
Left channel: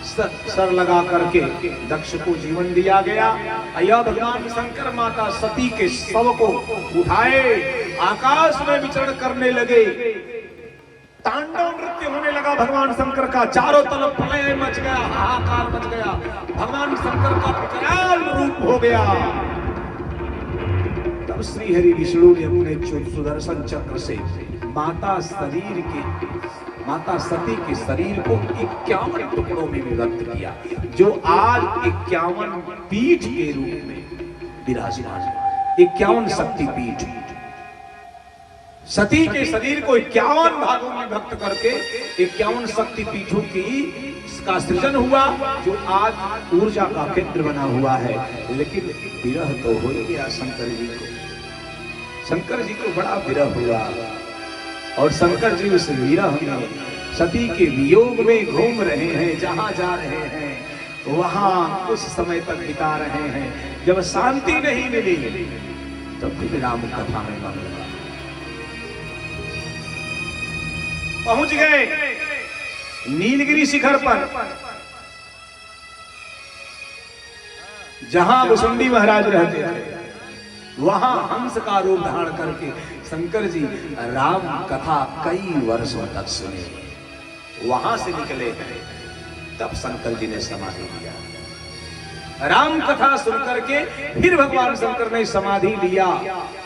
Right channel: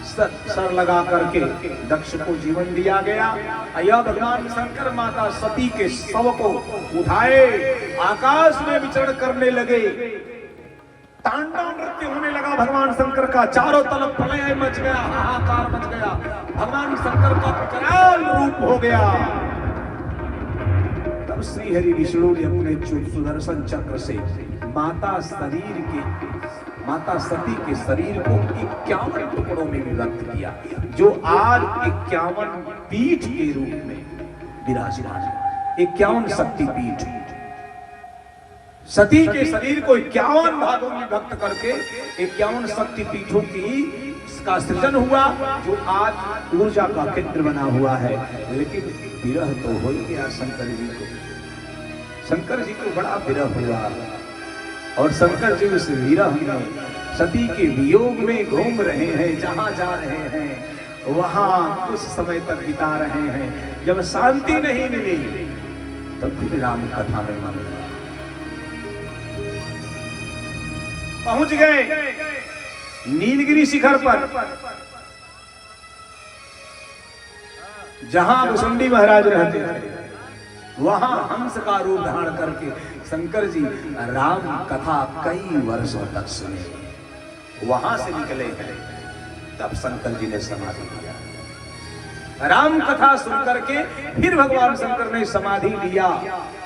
सर लगा करके दक्ष को जीवन दिया गया। अया भगवान शंकर माता सती के शव को उठाए आकाश में विचरण करने लगे। तांडव नृत्य होने लगा भगवान शंकर का, चारों तरफ प्रलय मच गया, हाहाकार मच गया। भगवान शंकर का विकराल रूप हो गया। तब श्री हरि विष्णु ने अपने सुदर्शन चक्र से माता सती के शरीर को 51 टुकड़ों में विभक्त किया, जो आज 51 पीठ के रूप में विराजमान है। 51 शक्ति पीठ। सती के शरीर को 51 भागों में विभक्त करके 51 शक्ति पीठों का सृजन हुआ, जो आज ऊर्जा का केंद्र बना हुआ है। लेकिन विरह तो हो गया शंकर जी को। शंकर जी को बड़ा विरह हुआ और शंकर जी उस विरह में सती के वियोग में घूम रहे हैं। जहां जा रहे हैं वहां कुछ समय तक बिता रहे हैं। जब शांति नहीं मिली तब फिर राम कथा में मामला पहुंच गए नीलगिरी शिखर पर, जहां भुसुंडी महाराज रहते थे। वहां हंस का रूप धारण करके शंकर जी राम कथा कई वर्षों तक सुने। वहां से निकले हैं, तब शंकर जी ने समाधि लिया। राम कथा सुनकर के फिर भगवान शंकर ने समाधि लिया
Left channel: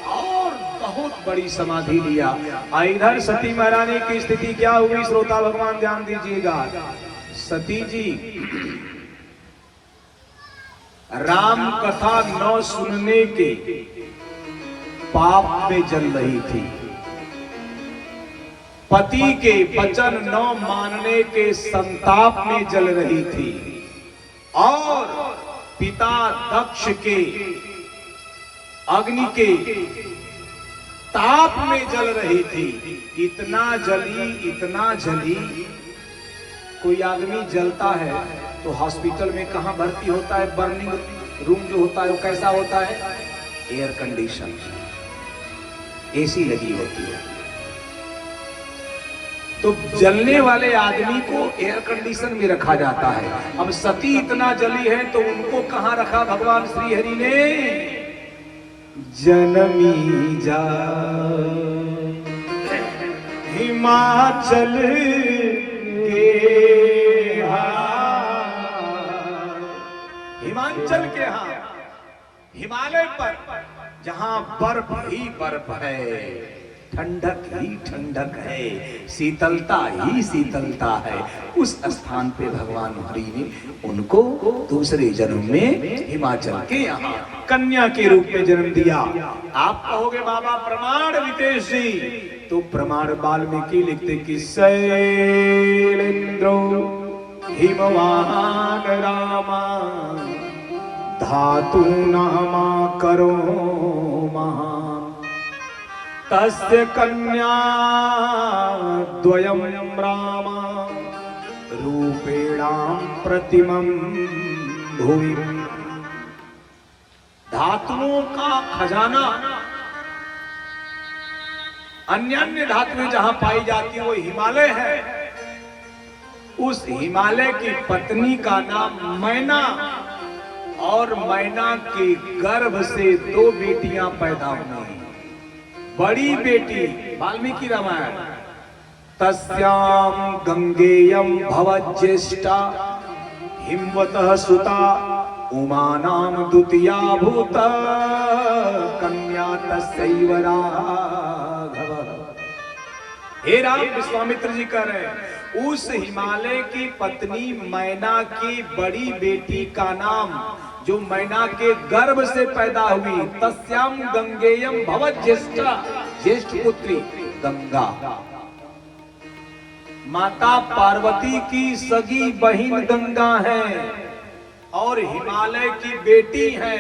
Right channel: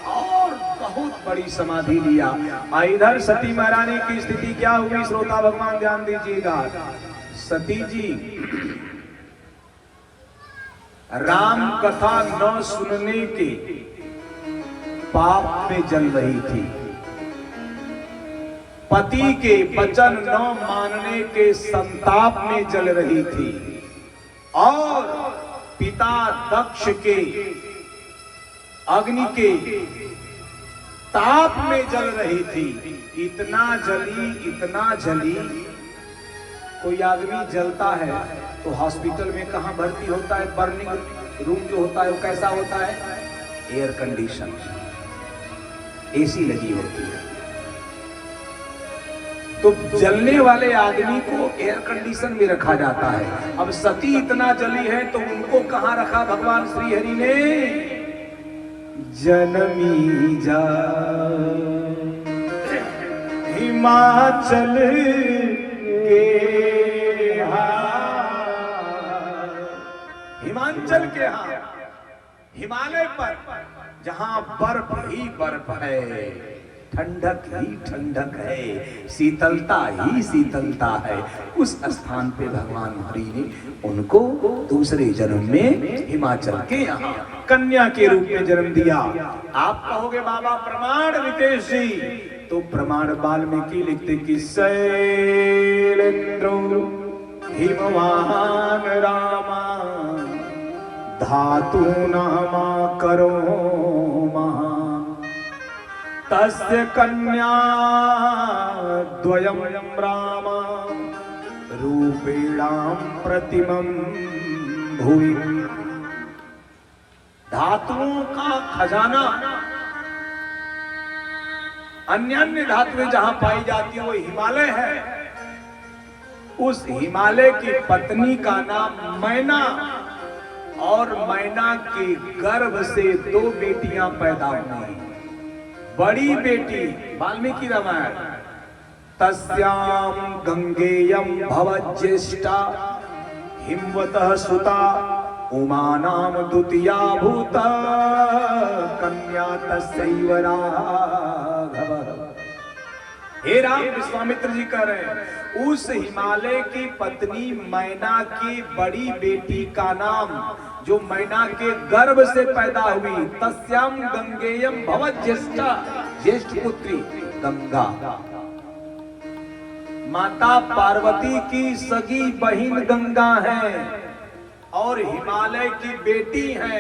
और बहुत बड़ी समाधि लिया। इधर सती महारानी की स्थिति क्या हुई, श्रोता भगवान ध्यान दीजिएगा। सती जी राम कथा न सुनने के पाप में जल रही थी। पति के वचन न मानने के संताप में जल रही थी और पिता दक्ष के अग्नि के ताप में जल रही थी। इतना जली। कोई आदमी जलता है तो हॉस्पिटल में कहां भर्ती होता है? बर्निंग रूम जो होता है वो कैसा होता है? एयर कंडीशन, एसी लगी होती है। तो जलने वाले आदमी को एयर कंडीशन में रखा जाता है। अब सती इतना जली है तो उनको कहां रखा भगवान श्री हरि ने? जनमी जा हिमाचल के हिमाचल के यहाँ, हिमालय पर जहां बर्फ ही बर्फ है, ठंडक ही ठंडक है, शीतलता ही शीतलता है, उस स्थान पे भगवान हरि ने उनको दूसरे जन्म में हिमाचल के यहाँ कन्या के रूप में जन्म दिया। आप कहोगे बाबा प्रमाण रितेश जी, तो प्रमाण वाल्मीकि लिखते कि शैलेंद्रो हिमवान रामा धातु नामा करो महान तस्य कन्या द्वयं रामा रूपेणां प्रतिमं भुवि। धातुओं का खजाना, अन्य धातुएं जहां पाई जाती है वो हिमालय है। उस हिमालय की पत्नी का नाम मैना, और मैना के गर्भ से 2 बेटियां पैदा हुई। बड़ी बेटी वाल्मीकि रामायण, तस्याम गंगेयम भवज्येष्ठा हिमवतः सुता उमा नाम द्वितीया भूत कन्या तस्यैव राघव। हे राम, विश्वामित्र जी कह रहे हैं उस हिमालय की पत्नी मैना की बड़ी बेटी का नाम, जो मैना के गर्भ से पैदा हुई, तस्याम गंगेयम भवत ज्येष्ठा, ज्येष्ठ पुत्री गंगा। माता पार्वती की सगी बहिन गंगा है और हिमालय की बेटी है,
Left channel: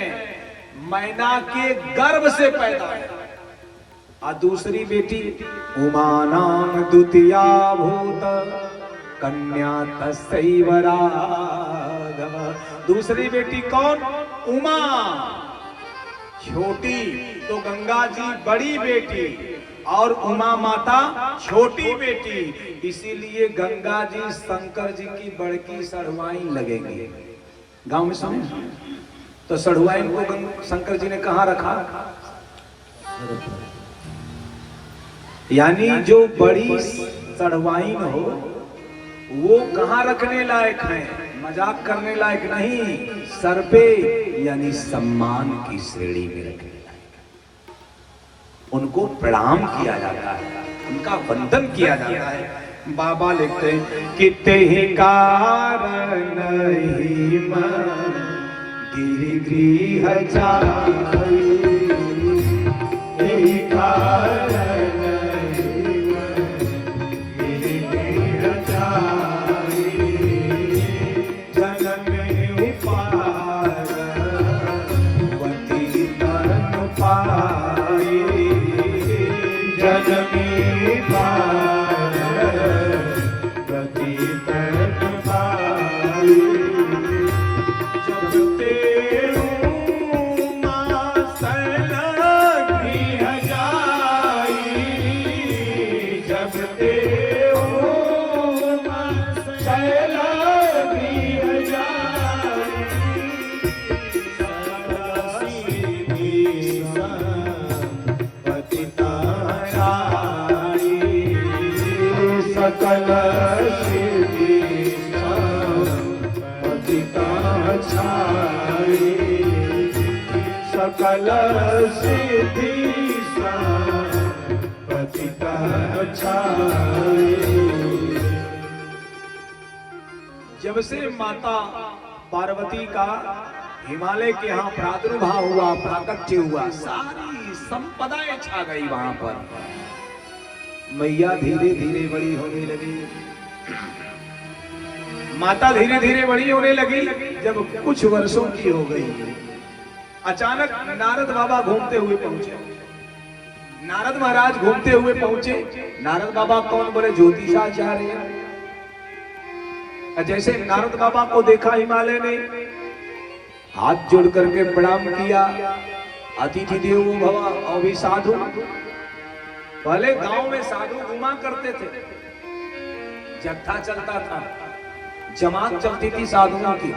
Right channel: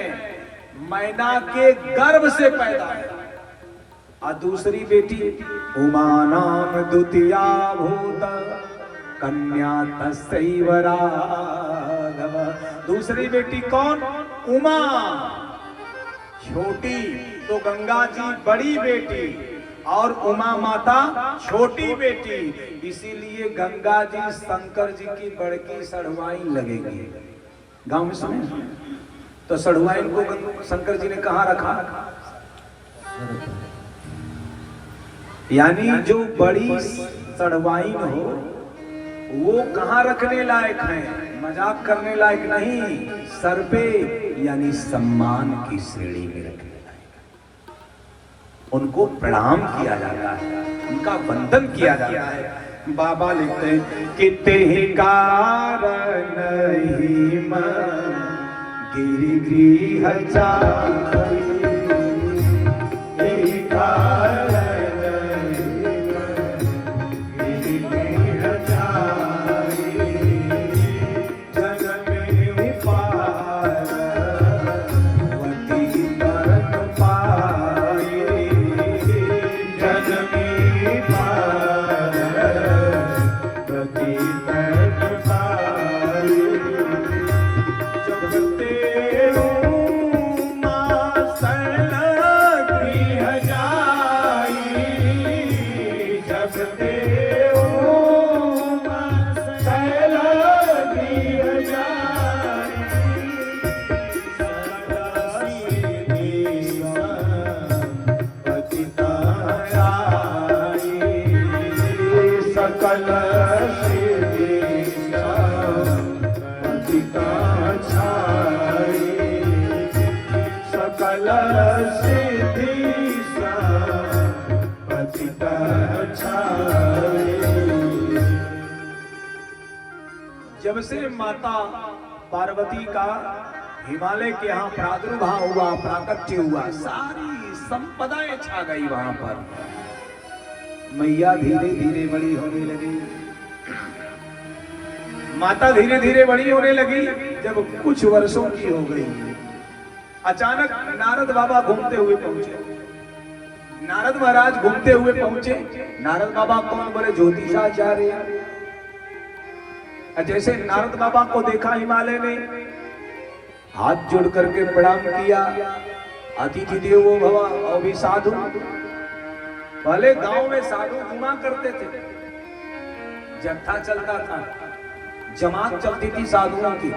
मैना के गर्भ से पैदा है। और दूसरी बेटी उमा नाम द्वितीया भूत कन्या तस्यैव राघव। दूसरी बेटी कौन? उमा। छोटी तो गंगा जी बड़ी बेटी और उमा माता छोटी बेटी, इसीलिए गंगा जी शंकर जी की बड़की सढ़वाइन लगेगी। गांव में सुने तो सढ़वाइन को शंकर जी ने कहाँ रखा? यानी जो बड़ी सढ़वाइन हो वो कहाँ रखने लायक है? मजाक करने लायक नहीं, सर पे यानी सम्मान की श्रेणी में रखने लायक। उनको प्रणाम किया जाता है, उनका वंदन किया जाता है। बाबा लिखते हैं किते ही कारण ही मन गिरिगृह जाई, जब से माता पार्वती का हिमालय के यहाँ प्रादुर्भाव हुआ, प्राकट्य हुआ, सारी संपदाएं छा गई वहां पर। मैया धीरे धीरे बड़ी होने लगी। माता धीरे धीरे बड़ी होने लगी। जब कुछ वर्षों की हो गई, अचानक नारद बाबा घूमते हुए पहुंचे। नारद महाराज घूमते हुए पहुंचे। नारद बाबा कौन? बोले ज्योतिषाचार्य। जैसे नारद बाबा को देखा हिमालय ने, हाथ जोड़ करके प्रणाम किया। अतिथि देवो भव। और भी साधु, पहले गांव में साधु घुमा करते थे, जत्था चलता था, जमात चलती थी साधुओं की।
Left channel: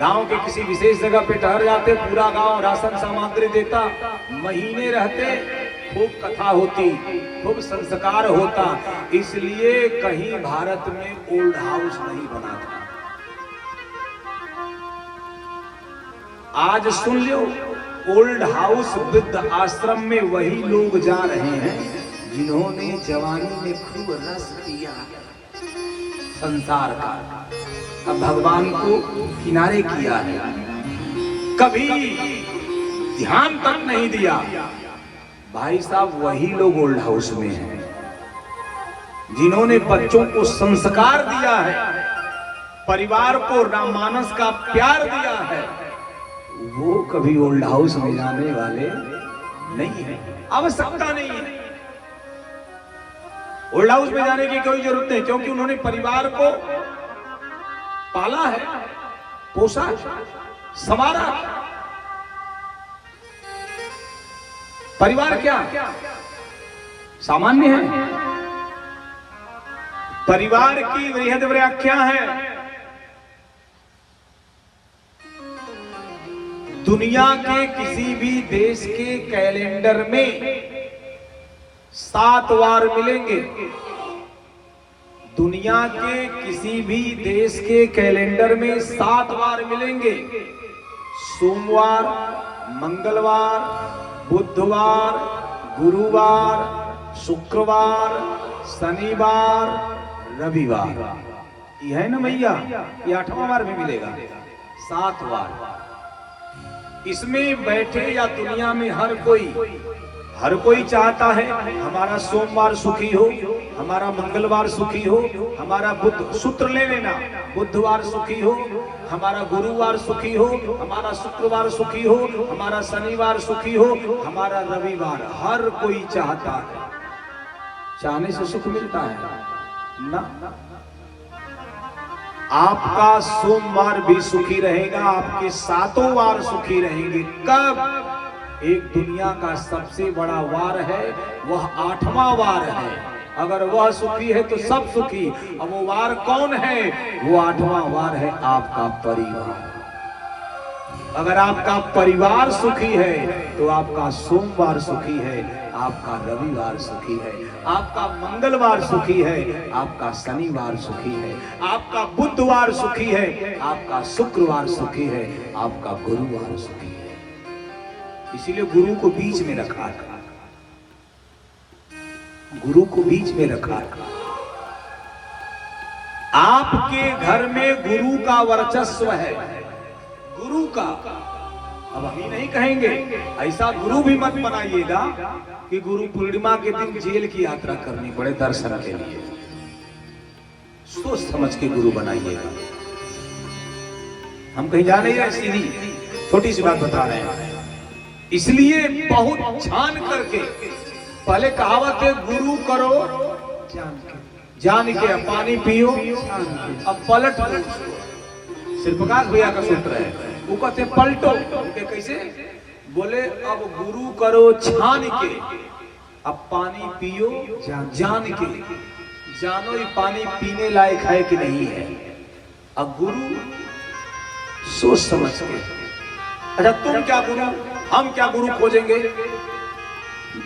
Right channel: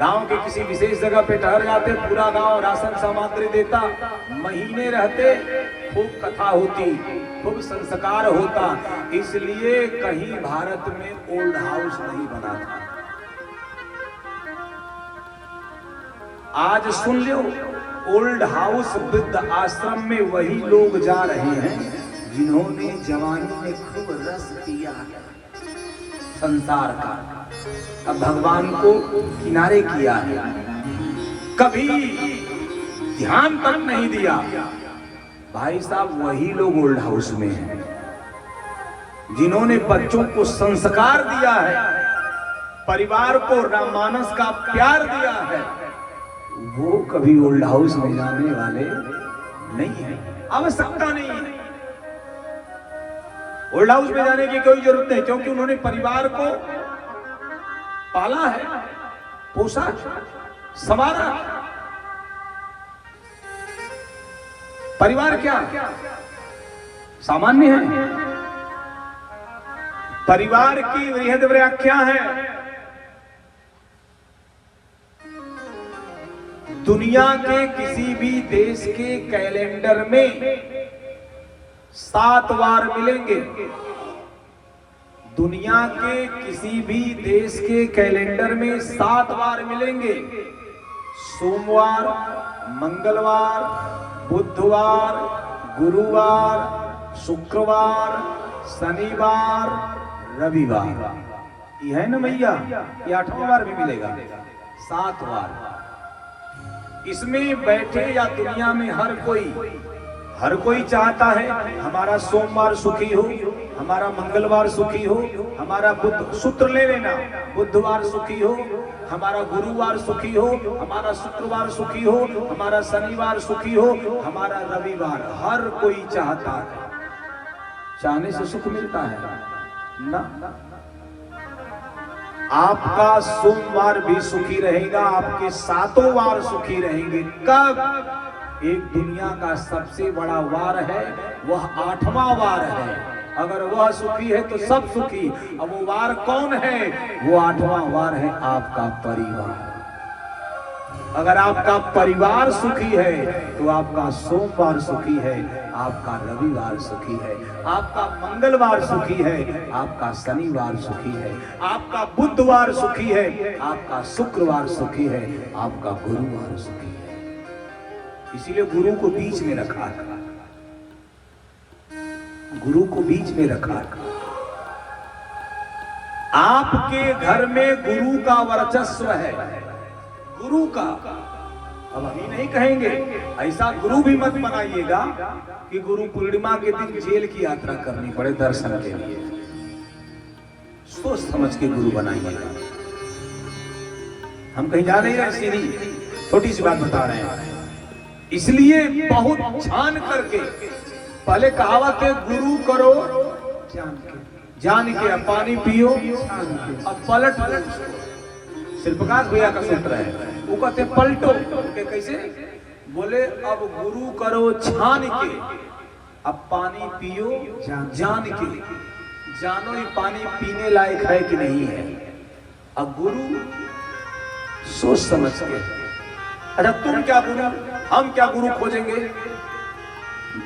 गांव के किसी विशेष जगह पे ठहर जाते, पूरा गांव राशन सामग्री देता, महीने रहते, खूब कथा होती, खूब संस्कार होता। इसलिए कहीं भारत में ओल्ड हाउस नहीं बना था। आज सुन लो, ओल्ड हाउस वृद्ध आश्रम में वही लोग जा रहे हैं जिन्होंने जवानी में खूब रस पिया संसार का, अब भगवान को किनारे किया है, कभी ध्यान तक नहीं दिया। भाई साहब, वही लोग ओल्ड हाउस में हैं जिन्होंने बच्चों को संस्कार दिया है, परिवार को राममानस का प्यार दिया है। वो कभी ओल्ड हाउस में जाने वाले नहीं है, आवश्यकता नहीं है। ओल्ड हाउस में जाने की कोई जरूरत नहीं, क्योंकि उन्होंने परिवार को पाला है, पोसा, संवारा। परिवार क्या सामान्य है? परिवार की बृहद व्याख्या है दुनिया के किसी भी देश के कैलेंडर में 7 वार मिलेंगे। दुनिया के किसी भी देश के कैलेंडर में 7 वार मिलेंगे। सोमवार, मंगलवार, बुधवार, गुरुवार, शुक्रवार, शनिवार, रविवार। यह है ना मैया, ये 8वां वार भी मिलेगा। 7 वार इसमें बैठे या दुनिया में हर कोई चाहता है हमारा सोमवार सुखी हो, हमारा मंगलवार सुखी हो, हमारा बुध, सूत्र ले लेना, बुधवार सुखी हो, हमारा गुरुवार सुखी हो, हमारा शुक्रवार सुखी हो, हमारा शनिवार सुखी हो, हमारा रविवार। हर कोई चाहता है। चाहने से सुख मिलता है ना? आपका सोमवार भी सुखी रहेगा, आपके 7 वार सुखी रहेंगे। कब? एक दुनिया का सबसे बड़ा वार है, वह 8वां वार है। अगर वह सुखी है तो सब सुखी। अब वो वार कौन है? वो 8वां वार है आपका परिवार। अगर आपका परिवार सुखी है तो आपका सोमवार सुखी है, आपका रविवार सुखी है, आपका मंगलवार सुखी है, आपका शनिवार सुखी है, आपका बुधवार सुखी है, आपका शुक्रवार सुखी है, आपका गुरुवार सुखी है। इसीलिए गुरु को बीच में रखा है। गुरु को बीच में रखा है। आपके घर में गुरु का वर्चस्व है, गुरु का। अब हम ही नहीं कहेंगे, ऐसा गुरु भी मत बनाइएगा कि गुरु पूर्णिमा के दिन जेल की यात्रा करनी पड़े दर्शन के लिए। सोच समझ के गुरु बनाइएगा। हम कहीं जा नहीं रहे, सीधी छोटी सी बात बता रहे हैं। इसलिए बहुत छान करके, पहले कहावत है गुरु करो जान के, अब पानी पियो अब पलट लो। श्रीप्रकाश भैया का सूत्र है, वो कहते हैं पलटो। कैसे? बोले अब गुरु करो छान के, अब पानी पियो जान के। जानो ये पानी पीने लायक है कि नहीं है। अब गुरु सोच समझ के। अच्छा, तुम क्या गुरु, हम क्या गुरु खोजेंगे?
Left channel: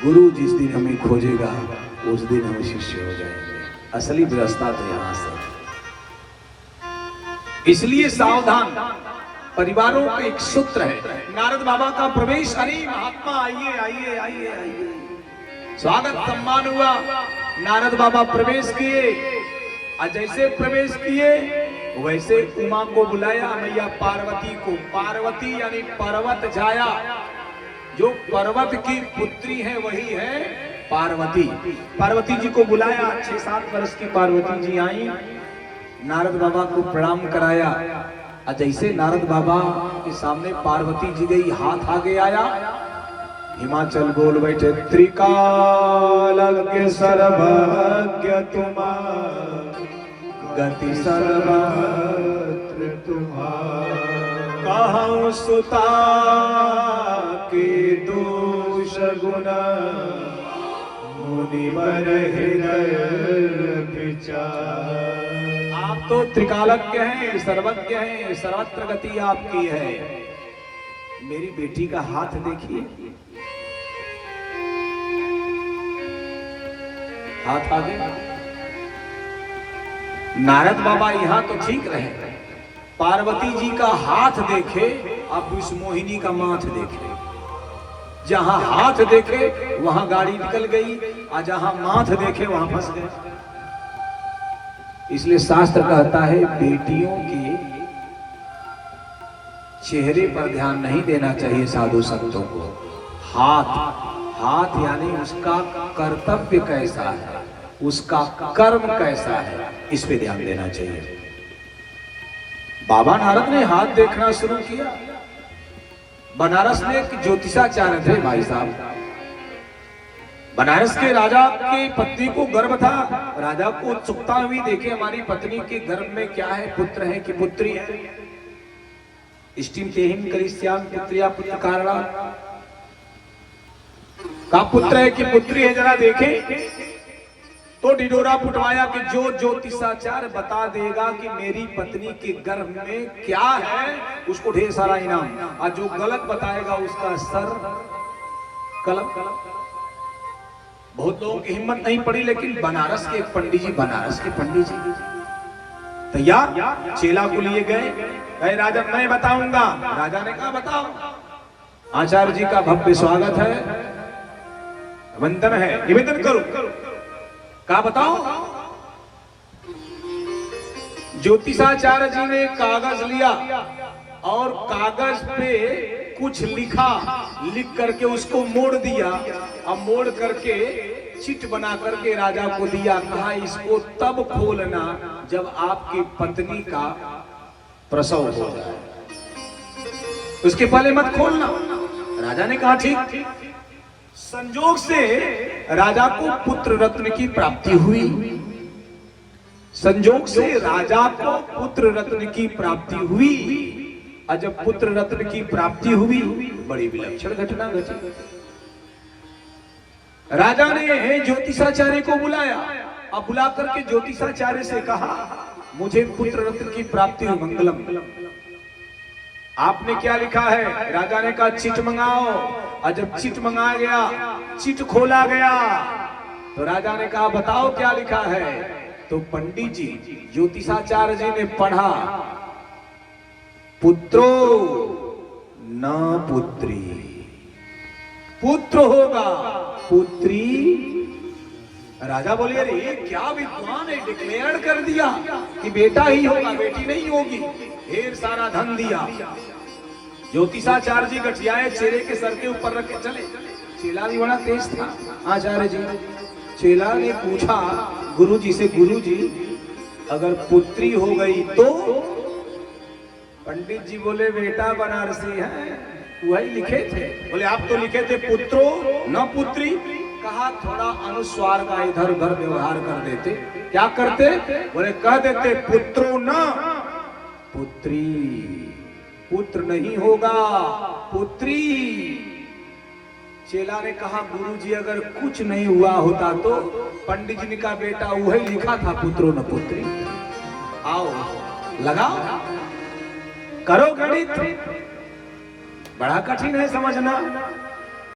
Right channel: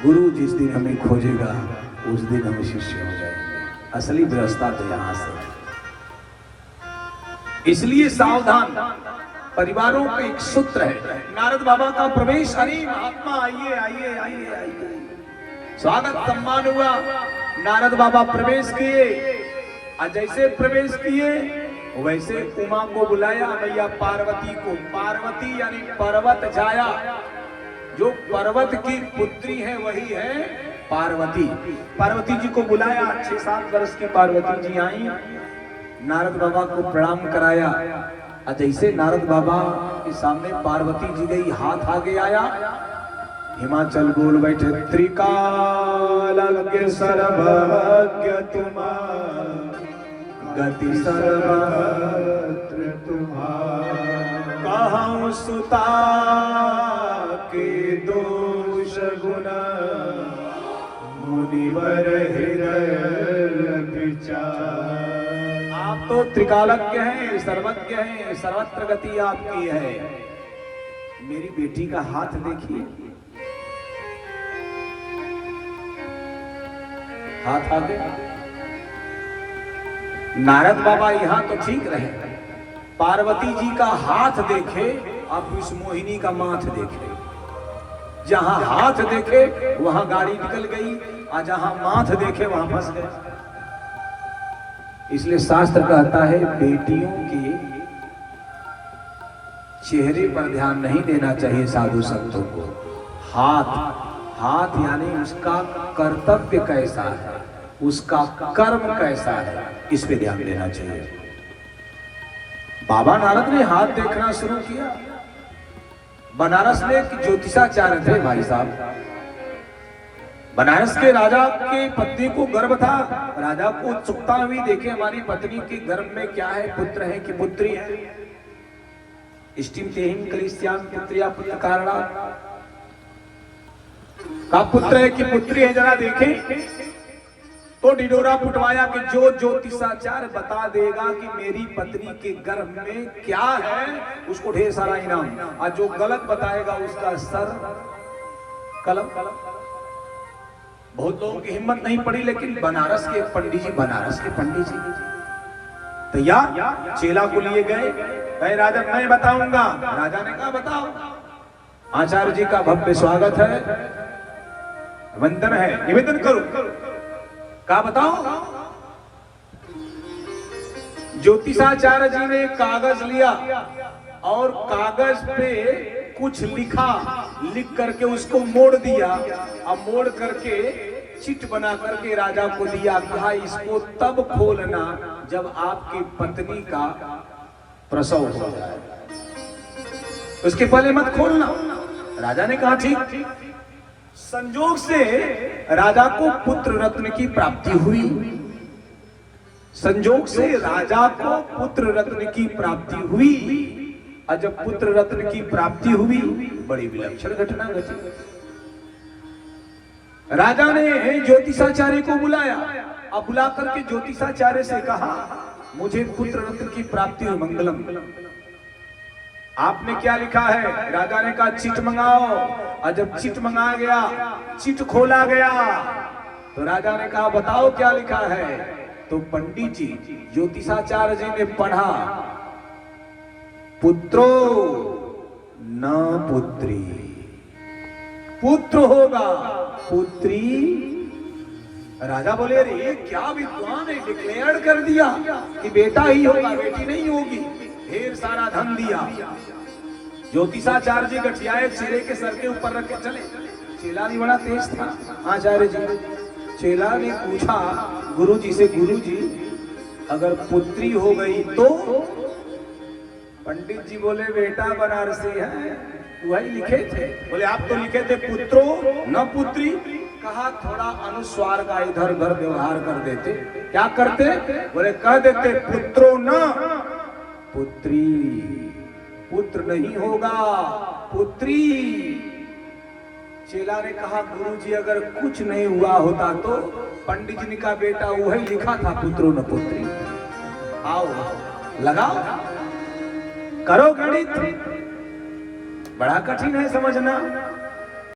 गुरु जिस दिन हमें खोजेगा उस दिन हम शिष्य हो जाएंगे। असली व्यवस्था तो यहां से। इसलिए सावधान। परिवारों का एक सूत्र है। नारद बाबा का प्रवेश, अरे महात्मा आइए आइए आइए आइए, स्वागत सम्मान हुआ। नारद बाबा प्रवेश किए, जैसे प्रवेश किए वैसे उमा को बुलाया, मैया पार्वती को। पार्वती यानी पर्वत जाया, जो पर्वत की पुत्री है वही है पार्वती, पार्वती जी को बुलाया। 6-7 वर्ष की पार्वती जी आई, नारद बाबा को प्रणाम कराया। और जैसे नारद बाबा के सामने पार्वती जी गई, हाथ आगे आया, हिमाचल बोल बैठे, त्रिकालज्ञ सर्वज्ञ तुम्हारा, गति सर्वत्र तुम्हारा, कहूँ सुता के दोष गुण मुनिवर हृदय विचार। आप तो त्रिकालज्ञ हैं, सर्वज्ञ हैं, सर्वत्र गति आपकी है। मेरी बेटी का हाथ देखिए, हाथ आगे। नारद बाबा यहाँ तो ठीक रहे, पार्वती जी का हाथ देखे, अब इस मोहिनी का माथ देखे। जहां हाथ देखे वहां गाड़ी निकल गई, और जहां माथ देखे वहां फंस गए। इसलिए शास्त्र कहता है बेटियों के चेहरे पर ध्यान नहीं देना चाहिए साधु संतों को। हाथ, हाथ यानी उसका कर्तव्य कैसा है, उसका कर्म कैसा है, इस पे ध्यान देना चाहिए। बाबा नारद ने हाथ देखना शुरू किया। बनारस में एक ज्योतिषाचार्य थे भाई साहब। बनारस के राजा के पत्नी को गर्भ था। राजा को उत्सुकता हुई, देखे हमारी पत्नी के गर्भ में क्या है, पुत्र है कि पुत्री है। इष्टिम तेहिम कलिस्याम पुत्रिया पुत्र कारणा, का पुत्र है कि पुत्री है, जरा देखें। तो डिडोरा फुटवाया कि जो ज्योतिषाचार्य बता देगा कि मेरी पत्नी के गर्भ में क्या है, उसको ढेर सारा इनाम, और जो गलत बताएगा उसका सर कलम। बहुत लोगों की हिम्मत नहीं पड़ी, लेकिन बनारस के पंडित जी, बनारस के पंडित जी तैयार, चेला को लिए गए। कहे राजा मैं बताऊंगा। राजा ने कहा बताओ। आचार्य जी का भव्य स्वागत है, वंदन है, निवेदन करो। क्या बताओ। ज्योतिषाचार्य जी ने कागज लिया और कागज पे कुछ लिखा, लिख करके उसको मोड़ दिया, और मोड़ करके चिट बना करके राजा को दिया। कहा इसको तब खोलना जब आपकी पत्नी का प्रसव हो जाए, उसके पहले मत खोलना। राजा ने कहा ठीक। संजोग से राजा को पुत्र रत्न की प्राप्ति हुई। संजोग से राजा को पुत्र रत्न की प्राप्ति हुई। और जब पुत्र रत्न की प्राप्ति हुई, बड़ी विलक्षण घटना घटी। राजा ने ज्योतिषाचार्य को बुलाया। अब बुला करके ज्योतिषाचार्य से कहा मुझे पुत्र रत्न की प्राप्ति हुई, मंगलम। आपने क्या लिखा है? राजा ने कहा चिट मंगाओ। और जब चिट मंगाया गया, चिट खोला गया, तो राजा ने कहा बताओ क्या लिखा है। तो पंडित जी, ज्योतिषाचार्य जी ने पढ़ा, पुत्रो न पुत्री, पुत्र होगा, पुत्री। राजा बोले अरे क्या विद्वान है, डिक्लेयर कर दिया कि बेटा ही होगा, बेटी नहीं होगी। ढेर सारा धन दिया। ज्योतिषाचार्य जी गठियाए, चेले के सर के ऊपर रख के चले। चेला भी बड़ा तेज था आचार्य जी। चेला ने पूछा गुरु जी से, गुरु जी अगर पुत्री हो गई तो? पंडित जी बोले बेटा बनारसी है, वही लिखे थे। बोले आप तो लिखे थे पुत्रो न पुत्री। कहा थोड़ा अनुस्वार का इधर उधर व्यवहार कर देते। क्या करते? बोले कह देते पुत्रो न पुत्री, पुत्र नहीं होगा, पुत्री। चेला ने कहा गुरुजी अगर कुछ नहीं हुआ होता तो? पंडित जी ने कहा बेटा वही लिखा था, पुत्रो न पुत्री। आओ लगाओ, करो गणित, बड़ा कठिन है समझना।